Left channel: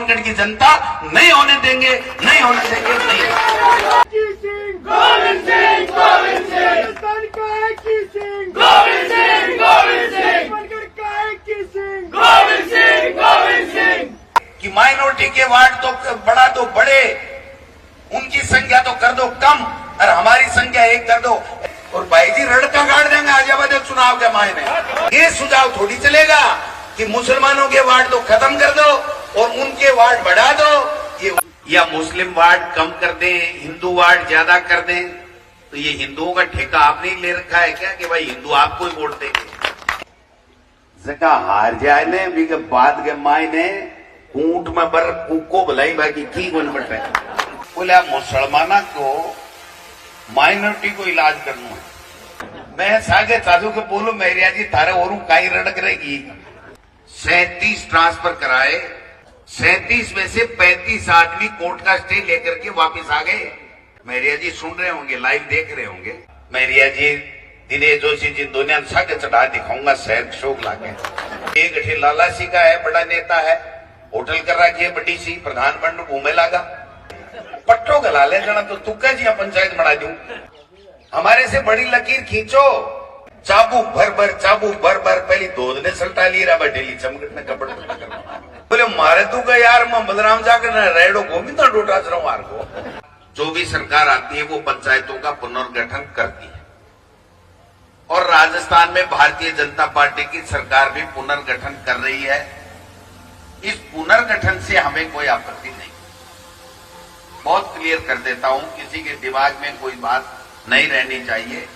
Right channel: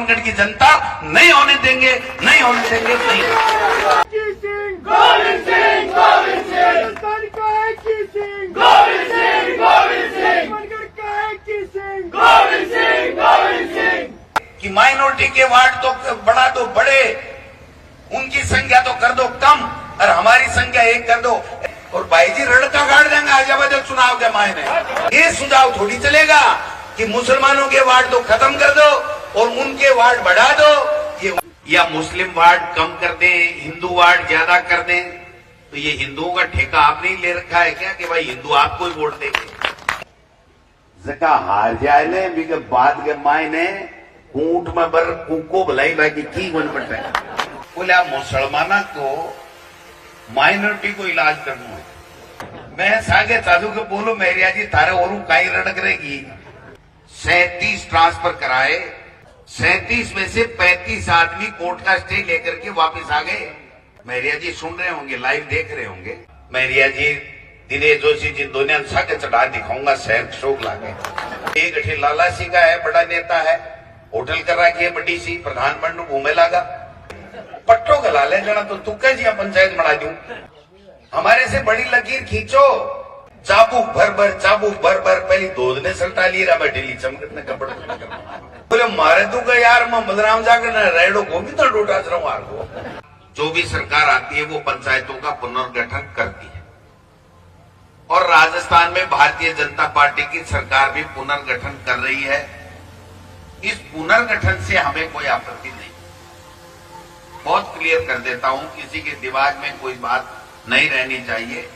सोनगढ़ की जनता नहीं होने देंगे, नहीं होने देंगे, नहीं। गोविंद सिंह राजस्थान का है की सिंह, गोविंद सिंह सोनगढ़ का है की सिंह, गोविंद सिंह कि माइनॉरिटी के वार्ड तो बढ़ा दो बड़े, उनकी संख्या तो कर दो कम और हमारी संख्या एक कर दो। और भाई जी रड़का काट देंगे आजाबाद चुनाव के मायने। ये सुझाव थोड़ी चलेगा कि मुसलमानों के वार्ड तो खत्म कर दो और उनके वार्ड बढ़ा दो, ये या मुस्लिम वार्ड कम कर दें, हिंदू वार्ड ज्यादा कर दें। तो ये हिंदुओं का ठेका आपने ले रखा है क्या कि भाई हिंदू आपको ही वोट देंगे? जका हार जाए भी के बाद के मायने ऊंट में बर कुको भलाई बाकी की बन पड़ता है। बोले मुसलमाना को माइनॉरिटी को इलाज करना है। मैं सागे चाचू के बोलू मेरिया जी थारे और काई रड़क रहेगी। 37 ट्रांसफर कराए, 37 में से 35 आदमी कोर्ट का स्टे लेकर के वापस आ गए। मेरिया जी सुन रहे होंगे, लाइव देख रहे होंगे। मेरिया जी दिनेश जोशी जी दुनिया सागे चढ़ा दिखाऊंगा शहर शोक लाके। एक अठे लाला सी का है, बड़ा नेता है, होटल कर रखी है बड़ी सी, प्रधान बन घूमे लागा। पट्टो गला ले जाना तो तुक्का जी पंचायत बना दूं। हमारे से बड़ी लकीर खींचो, चाबुक भर भर पहली दूध ने सल्टा ली रहा डेली चमकट ने कपड़े बोले मारे तू का यार मैं बलराम जाकर रेडो को भी तो डूटा हार को। जो भी सरकार आती है वो पंचायतों का पुनर्गठन करती है और राजस्थान में भारतीय जनता पार्टी की सरकार भी पुनर्गठन कर रही है। इस पुनर्गठन से हमें कोई आपत्ति नहीं। बहुत क्लियर कर देता हूं, किसी के दिमाग में कोई बात नहीं रहनी चाहिए।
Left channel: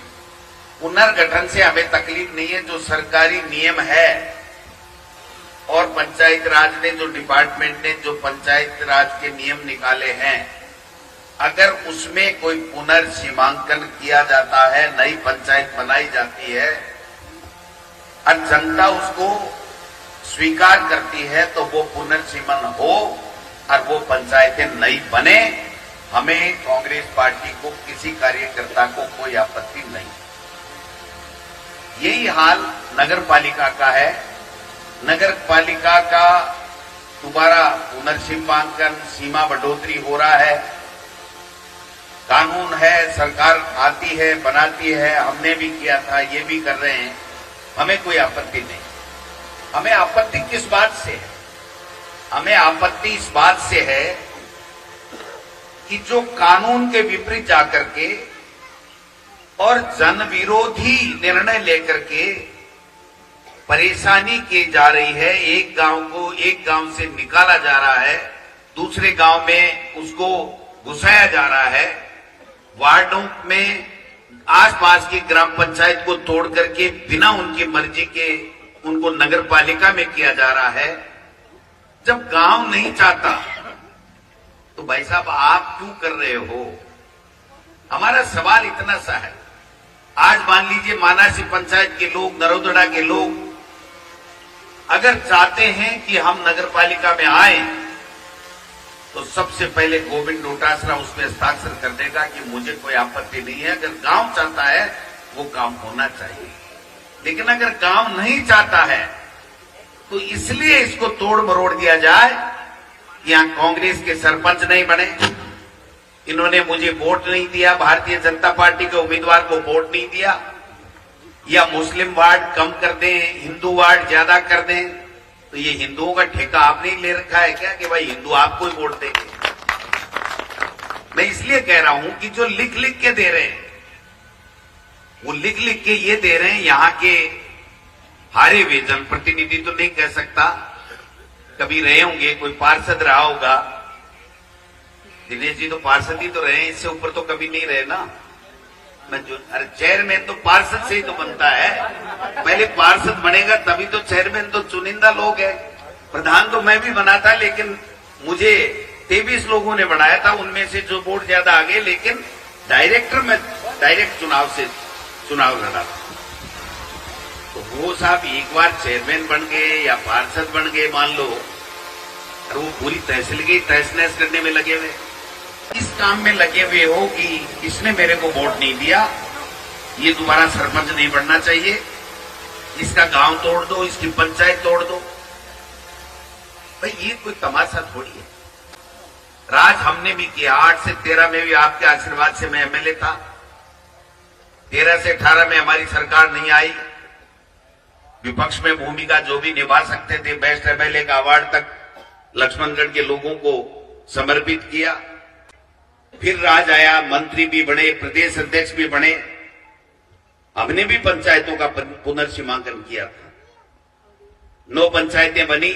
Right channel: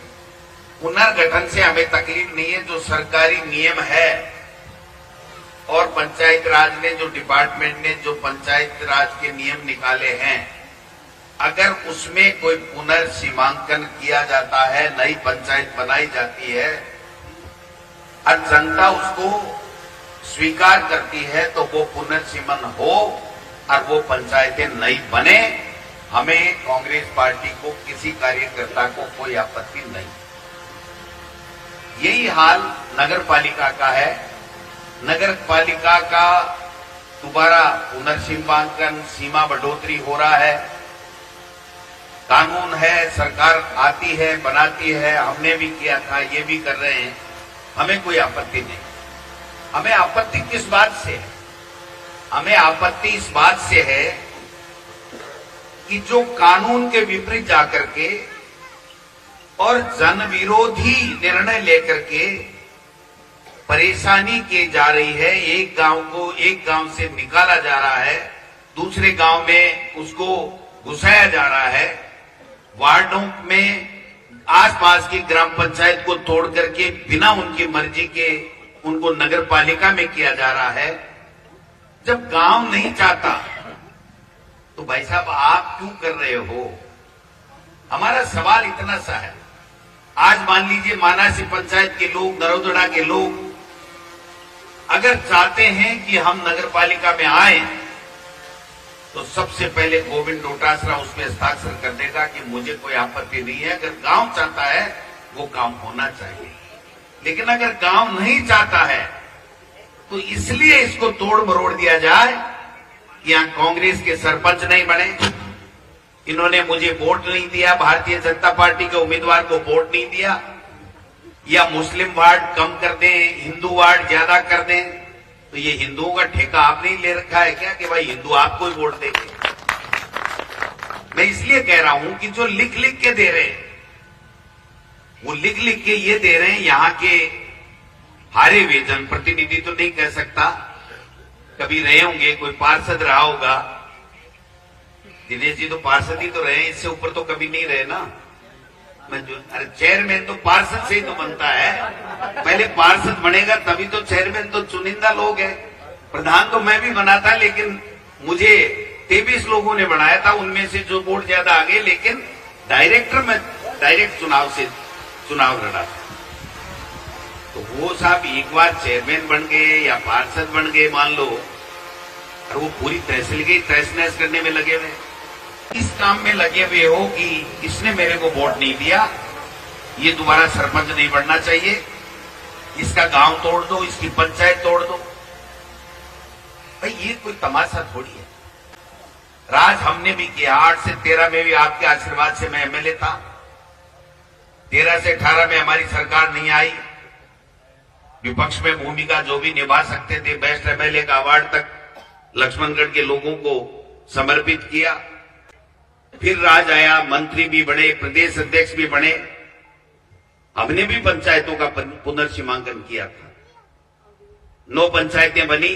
पुनर्गठन से हमें तकलीफ नहीं है। जो सरकारी नियम है और पंचायत राज ने जो डिपार्टमेंट ने जो पंचायत राज के नियम निकाले हैं, अगर उसमें कोई पुनर्सीमांकन किया जाता है, नई पंचायत बनाई जाती है और जनता उसको स्वीकार करती है तो वो पुनर्सीमन हो और वो पंचायतें नई बने। हमें कांग्रेस पार्टी को किसी कार्यकर्ता को कोई आपत्ति नहीं। यही हाल नगर पालिका का है। नगर पालिका का दोबारा पुनर्सीमांकन, सीमा बढ़ोतरी हो रहा है। कानून है, सरकार आती है, बनाती है, हमने भी किया था, ये भी कर रहे हैं। हमें कोई आपत्ति नहीं। हमें आपत्ति किस बात से है? हमें आपत्ति इस बात से है कि जो कानून के विपरीत जाकर के और जन विरोधी निर्णय लेकर के परेशानी की जा रही है, एक गांव को एक गांव से निकाला जा रहा है, दूसरे गांव में उसको घुसाया जा रहा है, वार्डों में आसपास की ग्राम पंचायत को तोड़ करके बिना उनकी मर्जी के उनको नगर पालिका में किया जा रहा है। जब गांव नहीं चाहता तो भाई साहब आप क्यों कर रहे हो? हमारा सवाल इतना सा है। आज मान लीजिए मानासी पंचायत के लोग, नरोदड़ा के लोग अगर चाहते हैं कि हम नगर पालिका में आए तो सबसे पहले गोविंद डोटासरा उसमें हस्ताक्षर कर देगा कि मुझे कोई आपत्ति नहीं है। अगर गांव चाहता है वो काम होना चाहिए, लेकिन अगर गांव नहीं चाहता है तो इसलिए इसको तोड़ मरोड़ दिया जाए। यहां कांग्रेस के सरपंच नहीं बने, इन्होंने मुझे वोट नहीं दिया, भारतीय जनता पार्टी के उम्मीदवार को वोट नहीं दिया, या मुस्लिम वार्ड कम कर दें, हिंदू वार्ड ज्यादा कर दें। तो ये हिंदुओं का ठेका आपने ही ले रखा है क्या कि भाई हिंदू आपको ही वोट देंगे? मैं इसलिए कह रहा हूं कि जो लिख लिख के दे रहे हैं वो लिख लिख के ये दे रहे हैं। यहां के हारे हुए जनप्रतिनिधि तो नहीं कह सकता, कभी रहे होंगे, कोई पार्षद रहा होगा। दिनेश जी तो पार्षद ही तो रहे, इससे ऊपर तो कभी नहीं रहे ना। अरे चेयरमैन तो पार्षद से ही तो बनता है, पहले पार्षद बनेगा तभी तो चेयरमैन तो चुनिंदा लोग है। प्रधान तो मैं भी बना था, लेकिन मुझे 23 लोगों ने बनाया था, उनमें से जो वोट ज्यादा आ गए, लेकिन डायरेक्टर में डायरेक्ट चुनाव से चुनाव लड़ा था। तो वो साहब एक बार चेयरमैन बन गए या पार्षद बन गए मान लो, और वो पूरी तहसील की तहस नहस करने में लगे हुए, इस काम में लगे हुए हो कि इसने मेरे को वोट नहीं दिया, ये दोबारा सरपंच नहीं बनना चाहिए, इसका गांव तोड़ दो, इसकी पंचायत तोड़ दो। भाई ये कोई तमाशा थोड़ी है। राज हमने भी किया। 8 से 13 में भी आपके आशीर्वाद से मैं एमएलए था। 13 से 18 में हमारी सरकार नहीं आई। विपक्ष में भूमिका जो भी निभा सकते थे, बेस्ट एमएलए का अवार्ड तक लक्ष्मणगढ़ के लोगों को समर्पित किया। फिर राज आया, मंत्री भी बने, प्रदेश अध्यक्ष भी बने। हमने भी पंचायतों का पुनर्सीमांकन किया था। 9 पंचायतें बनी,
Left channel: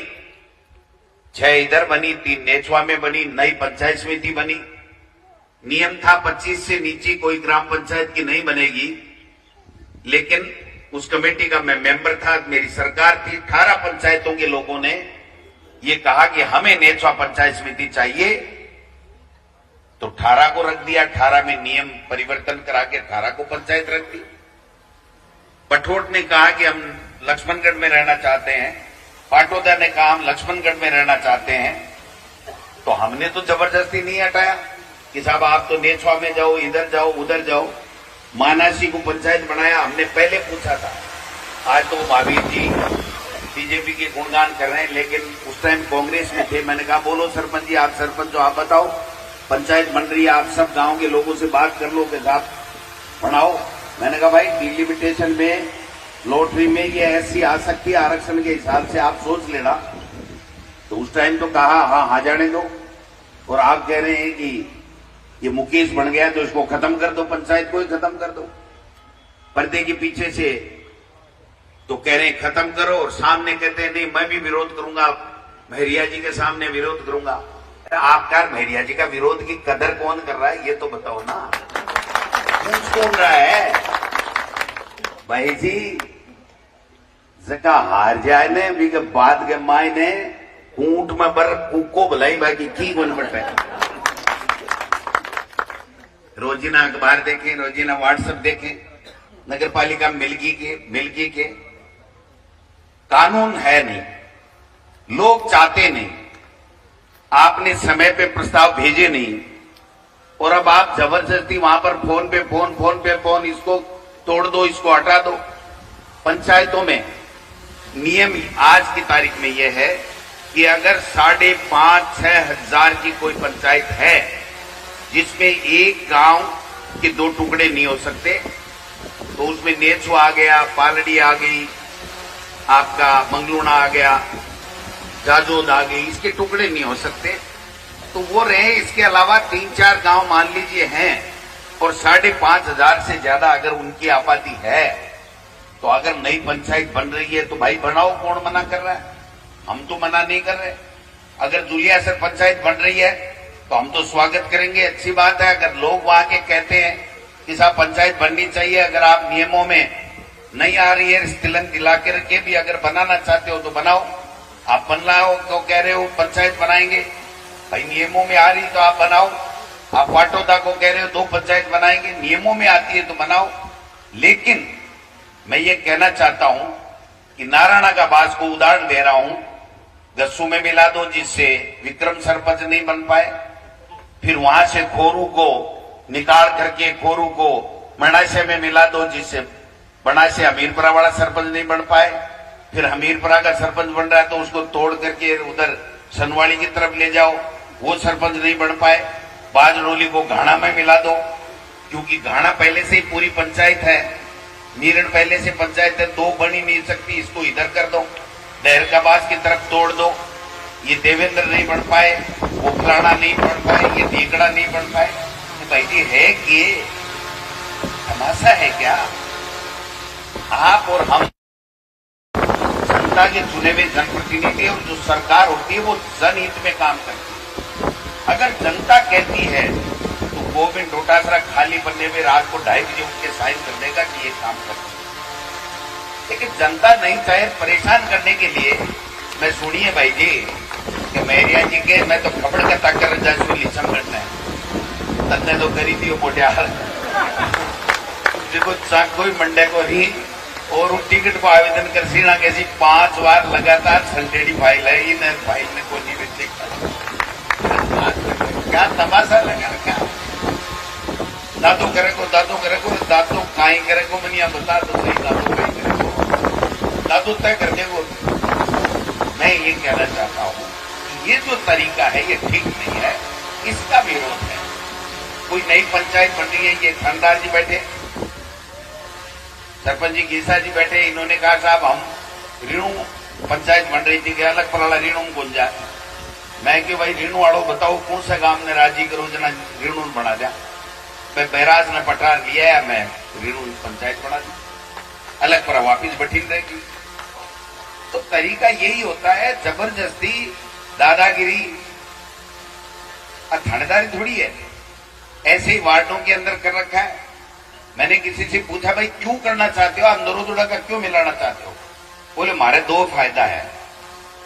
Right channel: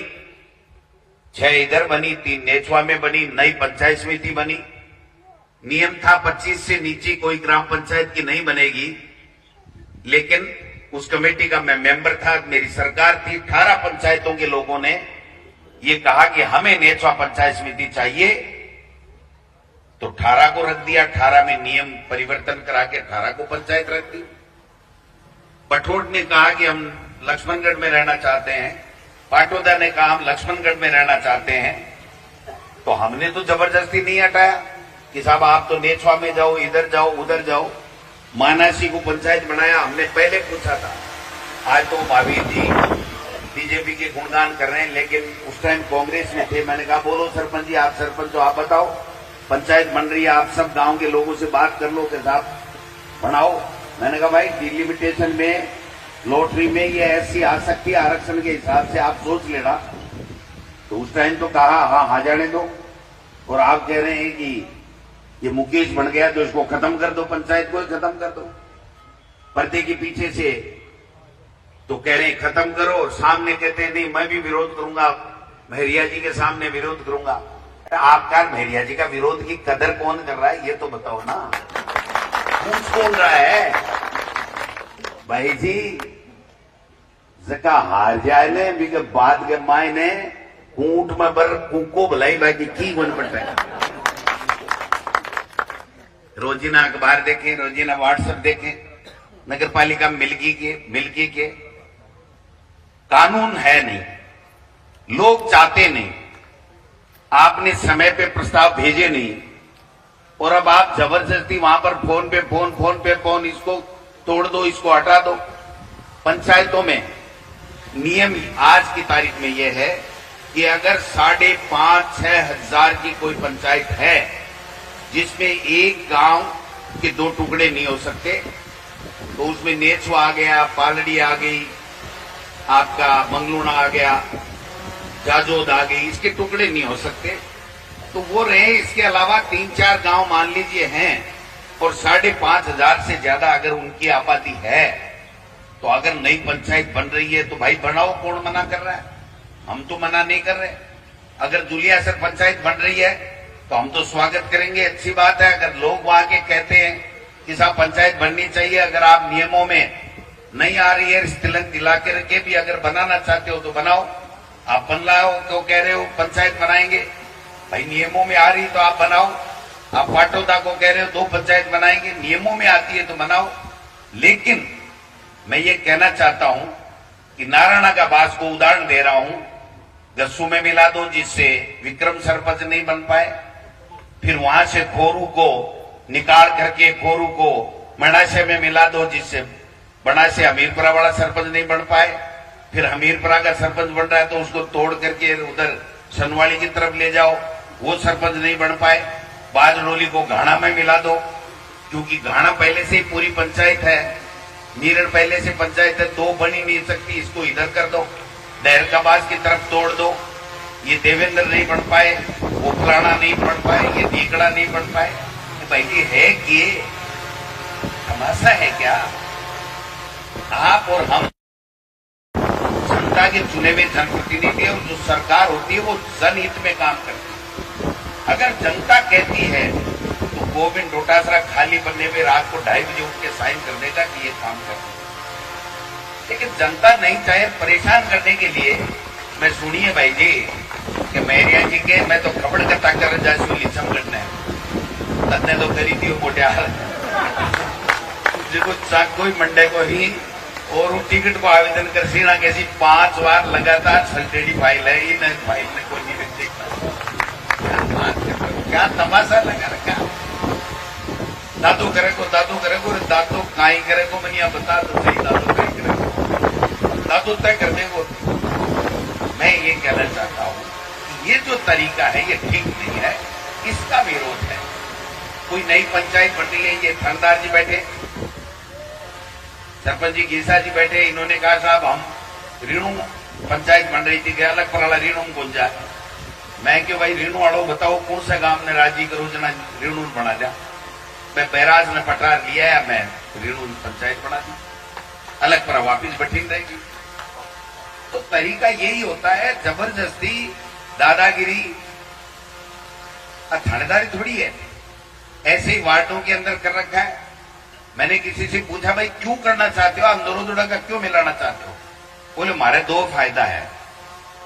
6 इधर बनी, 3 नेचवा में बनी, नई पंचायत समिति बनी। नियम था 25 से नीचे कोई ग्राम पंचायत की नहीं बनेगी, लेकिन उस कमेटी का मैं मेंबर था, मेरी सरकार थी। 18 पंचायतों के लोगों ने ये कहा कि हमें नेचवा पंचायत समिति चाहिए, तो 18 को रख दिया। 18 में नियम परिवर्तन करा के 18 को पंचायत रख दी। पठोट ने कहा कि हम लक्ष्मणगढ़ में रहना चाहते हैं, पाटोदा ने कहा हम लक्ष्मणगढ़ में रहना चाहते हैं, तो हमने तो जबरदस्ती नहीं हटाया कि साहब आप तो नेचवा में जाओ, इधर जाओ, उधर जाओ। मानासी को पंचायत बनाया, हमने पहले पूछा था। आज तो महावीर जी बीजेपी के गुणगान कर रहे हैं, लेकिन उस टाइम कांग्रेस में थे। मैंने कहा बोलो सरपंच जी, आप सरपंच हो, आप बताओ पंचायत बन रही है, आप सब गांव के लोगों से बात कर लो कि साहब बनाओ। मैंने कहा भाई डिलिमिटेशन में, लॉटरी में ये ऐसी आ सकती है, आरक्षण के हिसाब से आप सोच लेना। तो उस टाइम तो कहा हाँ जाने दो। और आप कह रहे हैं कि ये मुकेश बन गया तो इसको खत्म कर दो, पंचायत को ही खत्म कर दो। पर्दे के पीछे से तो कह रहे हैं खत्म करो, और सामने कहते हैं नहीं मैं भी विरोध करूंगा, महरिया जी के सामने विरोध करूंगा। आपका महरिया जी का विरोध की कदर कौन कर रहा है ये तो बताओ ना। पूछ कौन रहा है भाई जी? जका हार जाए ने भी के बाद के मायने ऊंट में बर कुको भलाई बाकी की बन पड़ता है। रोजीना अखबार देखें, रोजीना व्हाट्सएप देखें, नगर पालिका मिल्की के कानून है नहीं, लोग चाहते नहीं, आपने समय पे प्रस्ताव भेजे नहीं, और अब आप जबरदस्ती वहां पर फोन पे फोन, इसको तोड़ दो, इसको हटा दो। पंचायतों में नियम आज की तारीख में यह है कि अगर 5,500-6 हजार की कोई पंचायत है जिसमें एक गांव के 2 टुकड़े नहीं हो सकते, तो उसमें नेचवा आ गया, पालड़ी आ गई, आपका मंगलूना आ गया, जाजोद आ गई, इसके टुकड़े नहीं हो सकते, तो वो रहे। इसके अलावा 3-4 गांव मान लीजिए हैं, और 5,500 से ज्यादा अगर उनकी आबादी है, तो अगर नई पंचायत बन रही है तो भाई बनाओ, कौन मना कर रहा है? हम तो मना नहीं कर रहे। अगर दुलियासर पंचायत बन रही है तो हम तो स्वागत करेंगे, अच्छी बात है। अगर लोग वहां के कहते हैं कि साहब पंचायत बननी चाहिए, अगर आप नियमों में नहीं आ रही है, स्थिलन दिला के भी अगर बनाना चाहते हो तो बनाओ। आप बनलाओ तो कह रहे हो पंचायत बनाएंगे, भाई नियमों में आ रही तो आप बनाओ। आप पाटोदा को कह रहे हो 2 पंचायत बनाएंगे, नियमों में आती है तो बनाओ। लेकिन मैं ये कहना चाहता हूं कि नारायणा का बास को उदाहरण दे रहा हूं, गस्सू में मिला दो जिससे विक्रम सरपंच नहीं बन पाए, फिर वहां से खोरू को निकाल करके खोरू को मनाशे में मिला दो जिससे बनाशे हमीरपुरा वाला सरपंच नहीं बन पाए, फिर हमीरपुरा का सरपंच बन रहा है तो उसको तोड़ करके उधर सनवाड़ी की तरफ ले जाओ, वो सरपंच नहीं बन पाए। बाजडोली को घाना में मिला दो, क्योंकि घाना पहले से ही पूरी पंचायत है, मीरण पहले से पंचायत है, 2 बन ही नहीं सकती, इसको इधर कर दो। डहरकाबाज की तरफ तोड़ दो, ये देवेंद्र नहीं बन पाए, वो फलाना नहीं बन पाए, ये दीकड़ा नहीं बन पाए। तो भाई जी है कि तमाशा है क्या? आप और हम जनता के चुने हुए जनप्रतिनिधि, और जो सरकार होती है वो जनहित में काम करती है। अगर जनता कहती है तो गोविंद डोटासरा खाली बनने में रात को 2:30 बजे उठ के साइन कर देगा कि ये काम कर, लेकिन जनता नहीं चाहे परेशान करने के लिए। मैं सुनिए भाई जी कि महरिया जी के मैं तो खबड़ का ताकर जासू लिचम करना है, तन्ने तो करी थी वो मोटियार देखो कोई मंडे को ही, और वो टिकट को आवेदन कर सीना कैसी 5 बार लगातार संटेडी फाइल है, इन फाइल में कोई नहीं देखता। क्या तमाशा लगा रखा? दादो करे को दादो काई करे को मनिया बता तो सही, दादो काई करे को दादो तय कर देगो। मैं ये कहना चाहता हूं है ये ठीक नहीं है, इसका विरोध है। कोई नई पंचायत बन रही है, ये थानेदार जी बैठे, सरपंच जी गीसा जी बैठे, इन्होंने कहा साहब हम रीणु पंचायत बन रही थी, अलग पर रीणु में कौन जाए। मैं क्यों भाई रीणु वालों बताओ कौन सा गांव ने राजी करो जना रीणु बना दिया। मैं बैराज ने पटार लिया है, मैं रीणु पंचायत बना दी, अलग पर वापिस बैठी रहेगी। तो तरीका यही होता है, जबरदस्ती दादागिरी थानेदारी थोड़ी है। ऐसे ही वार्डों के अंदर कर रखा है। मैंने किसी से पूछा भाई क्यों करना चाहते हो, आप दोनों का क्यों मिलाना चाहते हो। बोले हमारे दो फायदा है।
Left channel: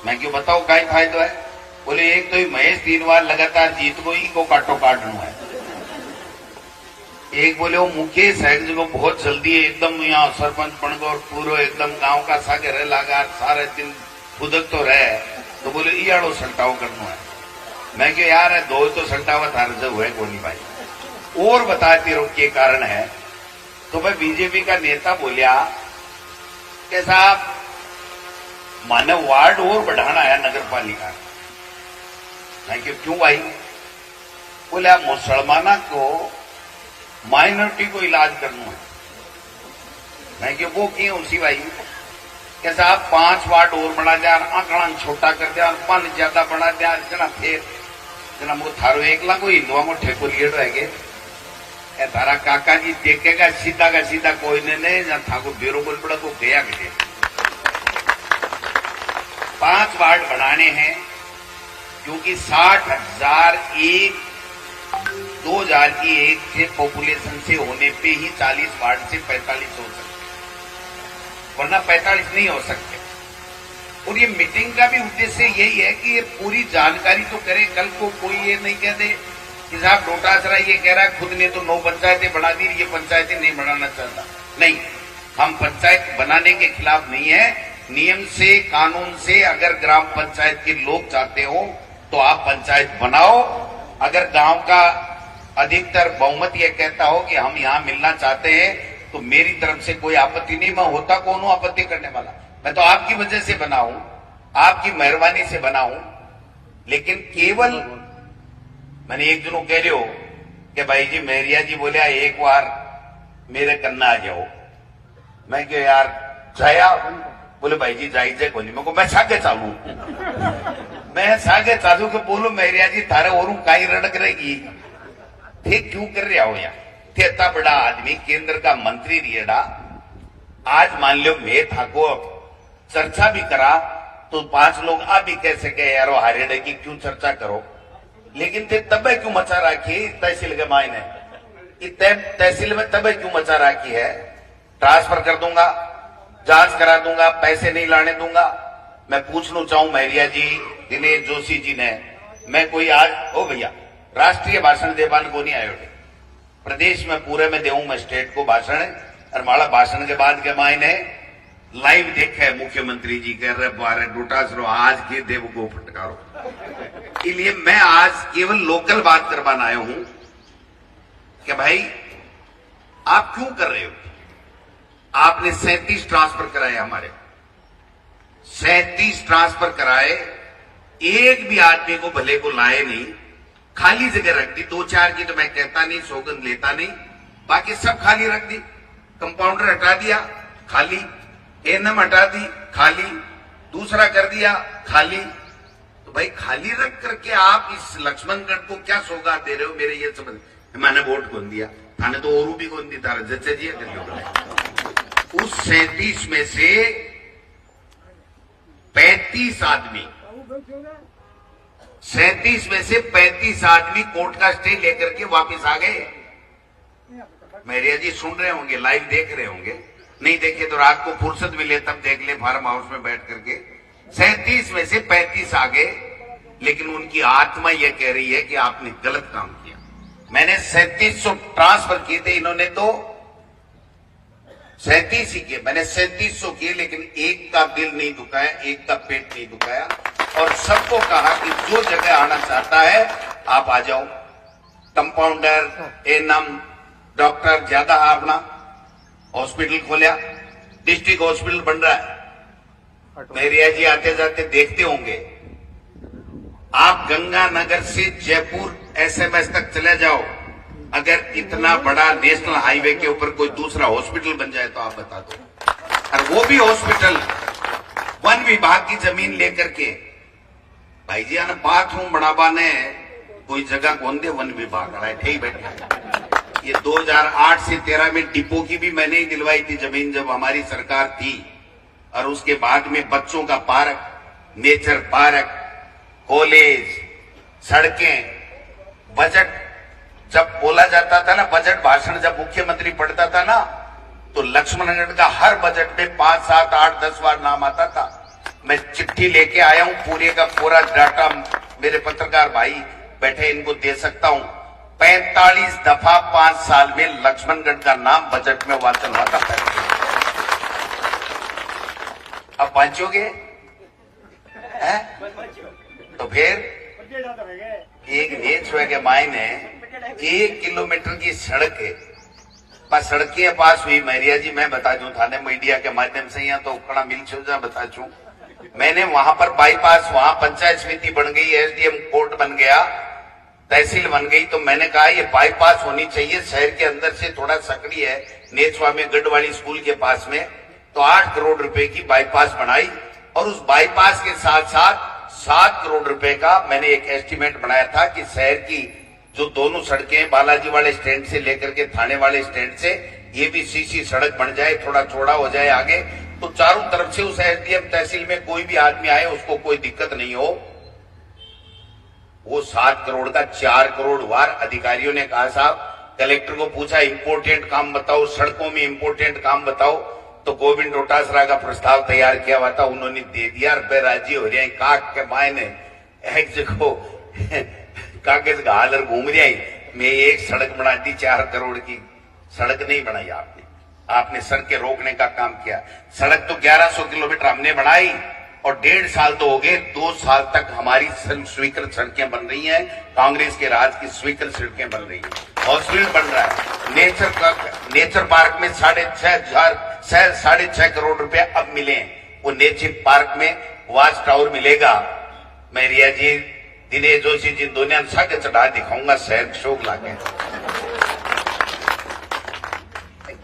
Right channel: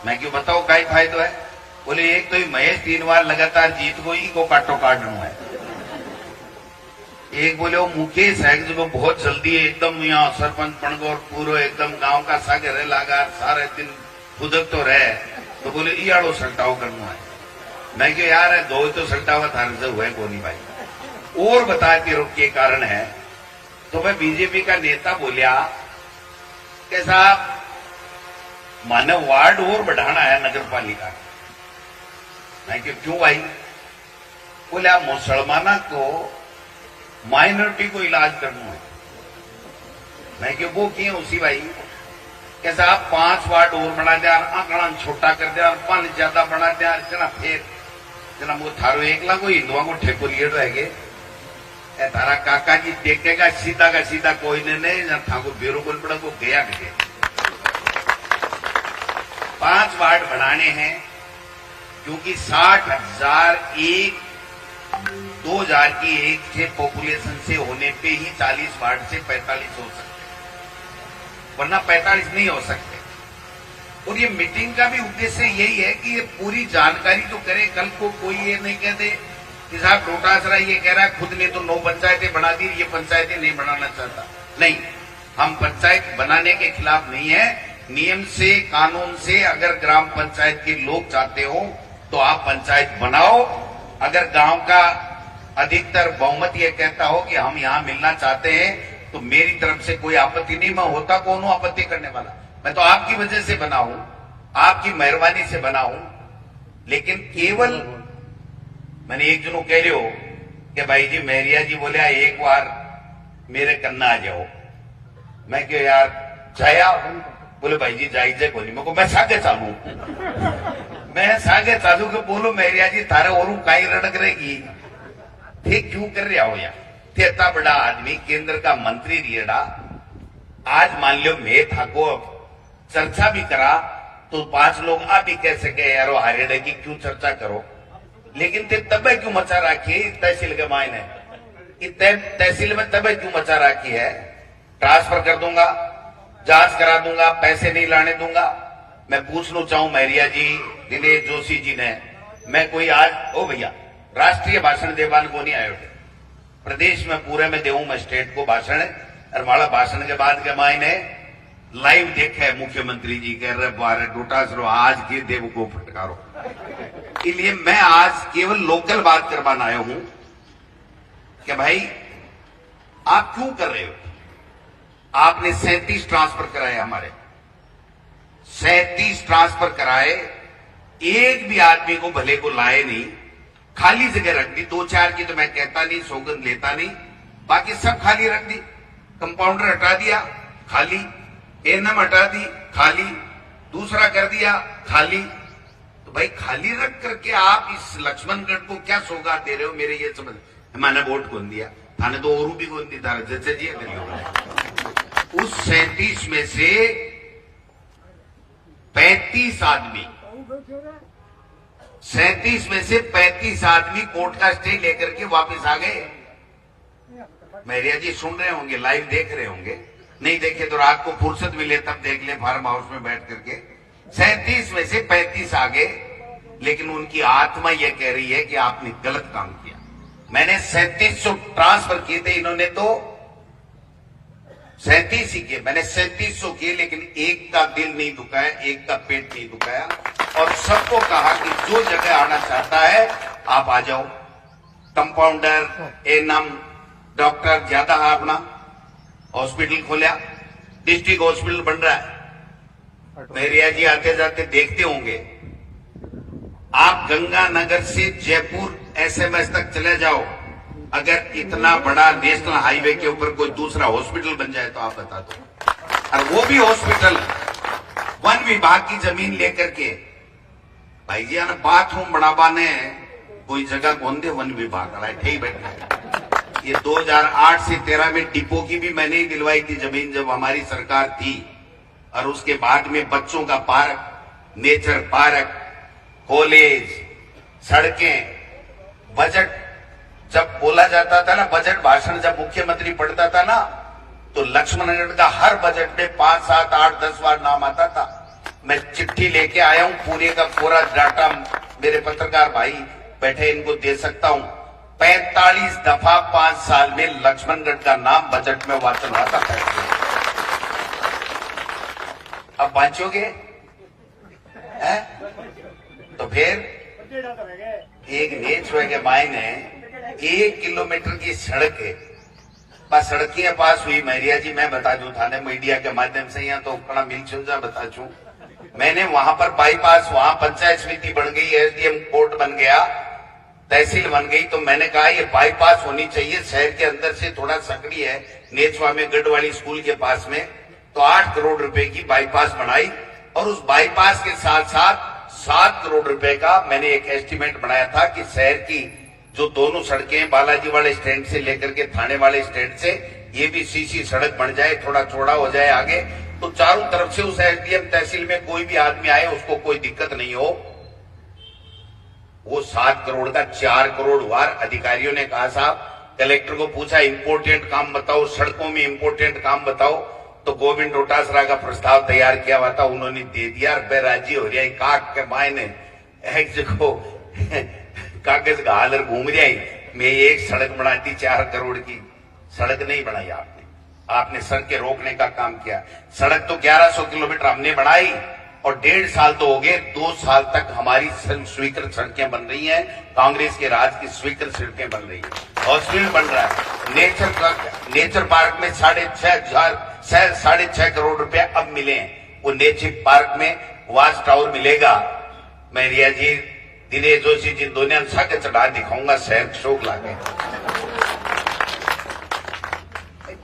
मैं क्यों बताओ कई फायदा है। बोले एक तो ही महेश 3 बार लगातार जीत गई को काटो काटू है। एक बोले वो मुकेश है जो बहुत जल्दी एकदम यहाँ सरपंच बन गो और पूरा एकदम गांव का सागे रह लगा सारे दिन खुदक तो रहे। तो बोले इयाड़ो सल्टाव करना है। मैं क्यों यार है दो तो सल्टावा थार से हुए कोनी भाई। और बताते रहो क्या कारण है। तो मैं बीजेपी का नेता बोलिया कि साहब मानव वार्ड और बढ़ाना है नगर पालिका। मैं क्यों भाई। बोले मुसलमाना को माइनॉरिटी को इलाज करना है। मैं क्यों वो क्यों उसी भाई कि साहब 5 वार्ड और बना दिया, आंकड़ा छोटा कर दिया, 5 ज्यादा बना दिया, जना फिर जना मुझे थारो एकला को हिंदुआ को ठेको लिए रहेगे। तारा काका जी देखेगा सीधा का सीधा कोई ने था को बेरो बोल पड़ा को गया के 5 वार्ड बनाने हैं क्योंकि 60,000 2000 की एक से पॉपुलेशन से होने पे ही 40 वार्ड से 45 हो सकते, वरना 45 नहीं हो सकते। और ये मीटिंग का भी उद्देश्य यही है कि ये पूरी जानकारी तो करे। कल को कोई ये नहीं कह दे कि साहब डोटासरा ये कह रहा है खुद ने तो 9 पंचायतें बना दी, ये पंचायतें नहीं बनाना चाहता। नहीं, हम पंचायत बनाने के खिलाफ नहीं है। नियम से कानून से अगर ग्राम पंचायत के लोग चाहते हो तो आप पंचायत बनाओ। अगर गांव का अधिकतर बहुमत ये कहता हो कि हम यहाँ मिलना चाहते हैं तो मेरी तरफ से कोई आपत्ति नहीं। मैं होता कौन हूं आपत्ति करने वाला। मैं तो आपकी वजह से बना हूं, आपकी मेहरबानी से बना हूं। लेकिन केवल मैंने एक जनों कह रहे हो कि भाई जी मेहरिया जी बोलिया एक बार मेरे कन्ना आ जाओ। मैं क्यों यार जाया। बोले भाई जी जाई जाए कोनी। मैं को मैं सागे चालू मैं सागे चालू के बोलो मेहरिया जी थारे और काई रड़क रहेगी थे क्यों कर रहा हो यार। थे इतना बड़ा आदमी केंद्र का मंत्री रिएडा। आज मान लो मैं था को चर्चा भी करा तो 5 लोग आप भी कह सके यारो हारेडे की क्यों चर्चा करो। लेकिन थे तबे क्यों मचा रखी तहसील के मायने तहसील में तबे क्यों मचा रखी है। ट्रांसफर कर दूंगा, जांच करा दूंगा, पैसे नहीं लाने दूंगा। मैं पूछना चाहूं मेहरिया जी दिनेश जोशी जी ने, मैं कोई आज ओ भैया राष्ट्रीय भाषण देवान को नहीं आयो। प्रदेश में पूरे में देऊं मैं स्टेट को भाषण। और माला भाषण के बाद के मायने लाइव देखे मुख्यमंत्री जी कह रहे बारे डोटासरो आज के देव को फटकारो। इसलिए मैं आज केवल लोकल बात करवाना आया हूं कि भाई आप क्यों कर रहे हो। आपने 37 ट्रांसफर कराए, हमारे 37 ट्रांसफर कराए, एक भी आदमी को भले को लाए नहीं, खाली जगह रख दी। 2-4 की तो मैं कहता नहीं, सौगंध लेता नहीं, बाकी सब खाली रख दी। कंपाउंडर हटा दिया खाली, एएनएम हटा दी खाली, दूसरा कर दिया खाली। तो भाई खाली रख करके आप इस लक्ष्मणगढ़ को क्या सौगात दे रहे हो मेरे ये समझ। मैंने वोट कौन दिया थाने तो और भी कौन दी तारा जैसे जी उस 37 में से 35 आदमी 37 में से 35 आदमी कोर्ट का स्टे लेकर के वापस आ गए। मेरिया जी सुन रहे होंगे, लाइव देख रहे होंगे, नहीं देखे तो रात को फुर्सत मिले तब देख ले फार्म हाउस में बैठ करके। 37 में से 35 आ गए, लेकिन उनकी आत्मा यह कह रही है कि आपने गलत काम किया। मैंने 3700 ट्रांसफर किए थे, इन्होंने तो 37 ही किए। मैंने 3700 किए, लेकिन एक का दिल नहीं दुखाया, एक का पेट नहीं दुखाया। और सबको कहा कि जो जगह आना चाहता है आप आ जाओ। कंपाउंडर, एएनएम, डॉक्टर ज्यादा है, अपना हॉस्पिटल खोलिया, डिस्ट्रिक्ट हॉस्पिटल बन रहा है। मेरिया जी आते जाते देखते होंगे आप गंगानगर से जयपुर एसएमएस तक चले जाओ, अगर इतना बड़ा नेशनल हाईवे के ऊपर कोई दूसरा हॉस्पिटल बन जाए तो आप बता दो। और वो भी हॉस्पिटल वन विभाग की जमीन लेकर के। भाई जी ना बाथरूम बनावा ने कोई जगह कौन दे, वन विभाग बैठे ही बैठे। ये 2008 से 13 में डिपो की भी मैंने ही दिलवाई थी जमीन जब हमारी सरकार थी। और उसके बाद में बच्चों का पार्क, नेचर पार्क, कॉलेज, सड़कें, बजट जब बोला जाता था ना, बजट भाषण जब मुख्यमंत्री पढ़ता था ना, तो लक्ष्मणगढ़ का हर बजट में 5, 7, 8, 10 बार नाम आता था। मैं चिट्ठी लेके आया हूं, पूरे का पूरा डाटा मेरे पत्रकार भाई बैठे, इनको दे सकता हूं। 45 दफा 5 साल में लक्ष्मणगढ़ का नाम बजट में वाचन आता था। अब बांचोगे है? तो फिर एक नेच के मायने 1 किलोमीटर की सड़क है, बस सड़कें पास हुई। मैरिया जी मैं बता दूं थाने मीडिया के माध्यम से, यहाँ तो कड़ा मिल जा बता चू, मैंने वहां पर बाईपास, वहां पंचायत समिति बन गई, एसडीएम कोर्ट बन गया, तहसील बन गई। तो मैंने कहा ये बाईपास होनी चाहिए, शहर के अंदर से थोड़ा सकड़ी है, नेचवा में गढ़वाली स्कूल के पास में। तो 8 करोड़ रुपए की बाईपास बनाई और उस बाईपास के साथ साथ 7 करोड़ रुपए का मैंने एक एस्टीमेट बनाया था कि शहर की जो दोनों सड़कें बालाजी वाले स्टैंड से लेकर के थाने वाले स्टैंड से, ये भी सीसी सड़क बन जाए, थोड़ा चौड़ा हो जाए आगे, तो चारों तरफ से उस एसडीएम तहसील में कोई भी आदमी आए उसको कोई दिक्कत नहीं हो। वो 7 करोड़ का 4 करोड़ वार अधिकारियों ने कहा साहब, कलेक्टर को पूछा इंपोर्टेंट काम बताओ, सड़कों में इंपोर्टेंट काम बताओ, तो गोविंद डोटासरा का प्रस्ताव तैयार किया हुआ था, उन्होंने दे दिया। रुपए राजी हो जाए, काक के मायने एक जगह कागज घाल घूम जाए, मैं एक सड़क बना दी 4 करोड़ की। सड़क नहीं बनाई आपने सड़क के रोकने का काम किया। सड़क तो 1100 किलोमीटर हमने बनाई और 1.5 साल तो हो गए, 2 साल तक हमारी स्वीकृत सड़कें बन रही हैं, कांग्रेस के राज की स्वीकृत सड़कें बन रही हैं। हॉस्पिटल बन रहा है, नेचर पार्क में 6.5 करोड़ रुपए अब मिले हैं। वो नेचर पार्क में वाच टावर मिलेगा। मैं रिया जी, दिनेश जोशी जी, दुनिया साके चढ़ा दिखाऊंगा शहर शोक लाके।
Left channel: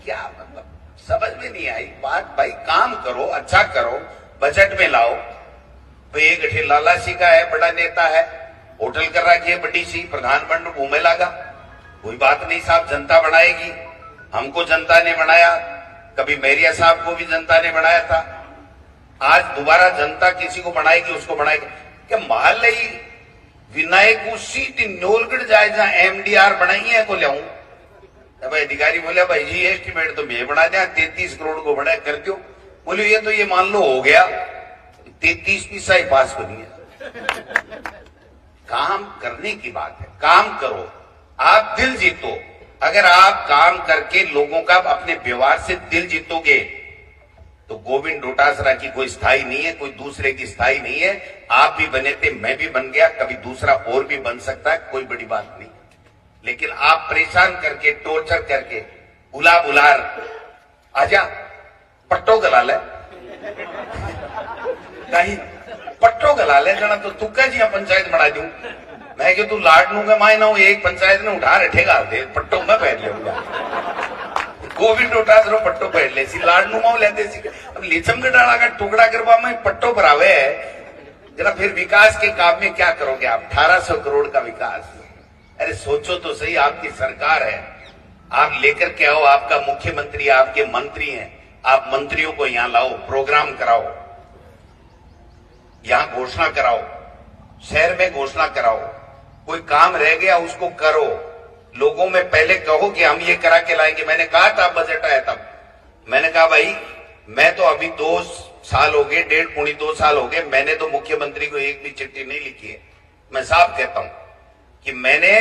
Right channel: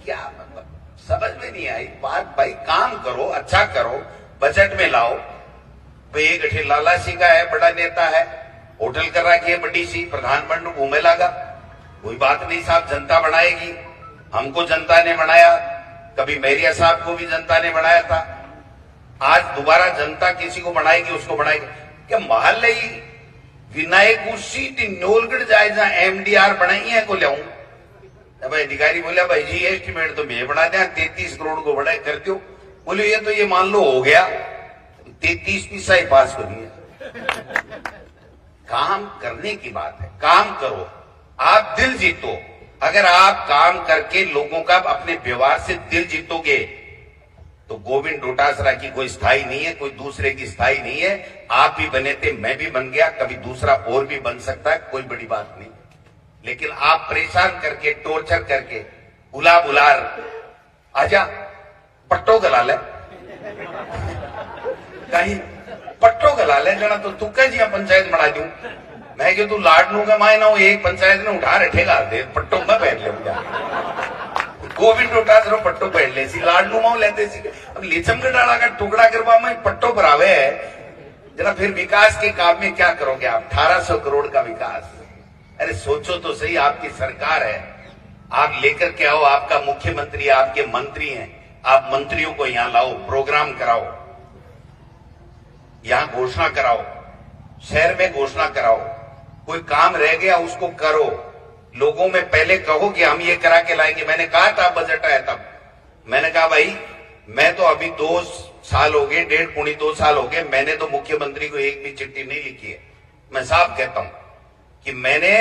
क्या मतलब समझ में नहीं आई बात। भाई काम करो, अच्छा करो, बजट में लाओ। भाई एक गठे लाला सी का है, बड़ा नेता है, होटल कर रखी है बड़ी सी, प्रधानमंत्री घूमे लागा, कोई बात नहीं साहब, जनता बनाएगी। हमको जनता ने बनाया, कभी मैरिया साहब को भी जनता ने बनाया था, आज दोबारा जनता किसी को बनाएगी, उसको बनाएगी। क्या मोहल्ले ही विनायक सीट नोलगढ़ जाए जहां एमडीआर बनाई है को लियाऊं। भाई अधिकारी बोला भाई जी एस्टीमेट तो मैं बना दिया, 33 करोड़ को बड़ा कर दो। बोले ये तो ये मान लो हो गया, 33 पैसा ही पास करिए। काम करने की बात है, काम करो, आप दिल जीतो। अगर आप काम करके लोगों का अपने व्यवहार से दिल जीतोगे तो गोविंद डोटासरा की कोई स्थाई नहीं है, कोई दूसरे की स्थाई नहीं है। आप भी बने थे, मैं भी बन गया, कभी दूसरा और भी बन सकता है, कोई बड़ी बात नहीं। लेकिन आप परेशान करके, टॉर्चर करके, बुलार आजा पट्टो गला ले, कहीं पट्टो गला ले जना तो तुक्का जी पंचायत बना दूं। मैं क्यों तू लाडनू का मायना हूं, एक पंचायत ने उठा रखेगा दे पट्टो मैं पहन लूंगा। गोविंद डोटासरा पट्टो पहन ले सी, लाडनू माओ लेते सी। अब लिचम डाला का टुकड़ा करवा में पट्टो पर आवे जरा, फिर विकास के काम में क्या करोगे आप? 1800 करोड़ का विकास। अरे सोचो तो सही, आपकी सरकार है, आप लेकर के आओ, आपका मुख्यमंत्री, आपके मंत्री हैं, आप मंत्रियों को यहां लाओ, प्रोग्राम कराओ, यहां घोषणा कराओ, शहर में घोषणा कराओ, कोई काम रह गया उसको करो, लोगों में पहले कहो कि हम ये करा के लाएंगे। मैंने कहा था बजट आया तब, मैंने कहा भाई मैं तो अभी 2 साल हो गए, 1.5-2 साल हो गए, मैंने तो मुख्यमंत्री को एक भी चिट्ठी नहीं लिखी है। मैं साफ कहता हूं कि मैंने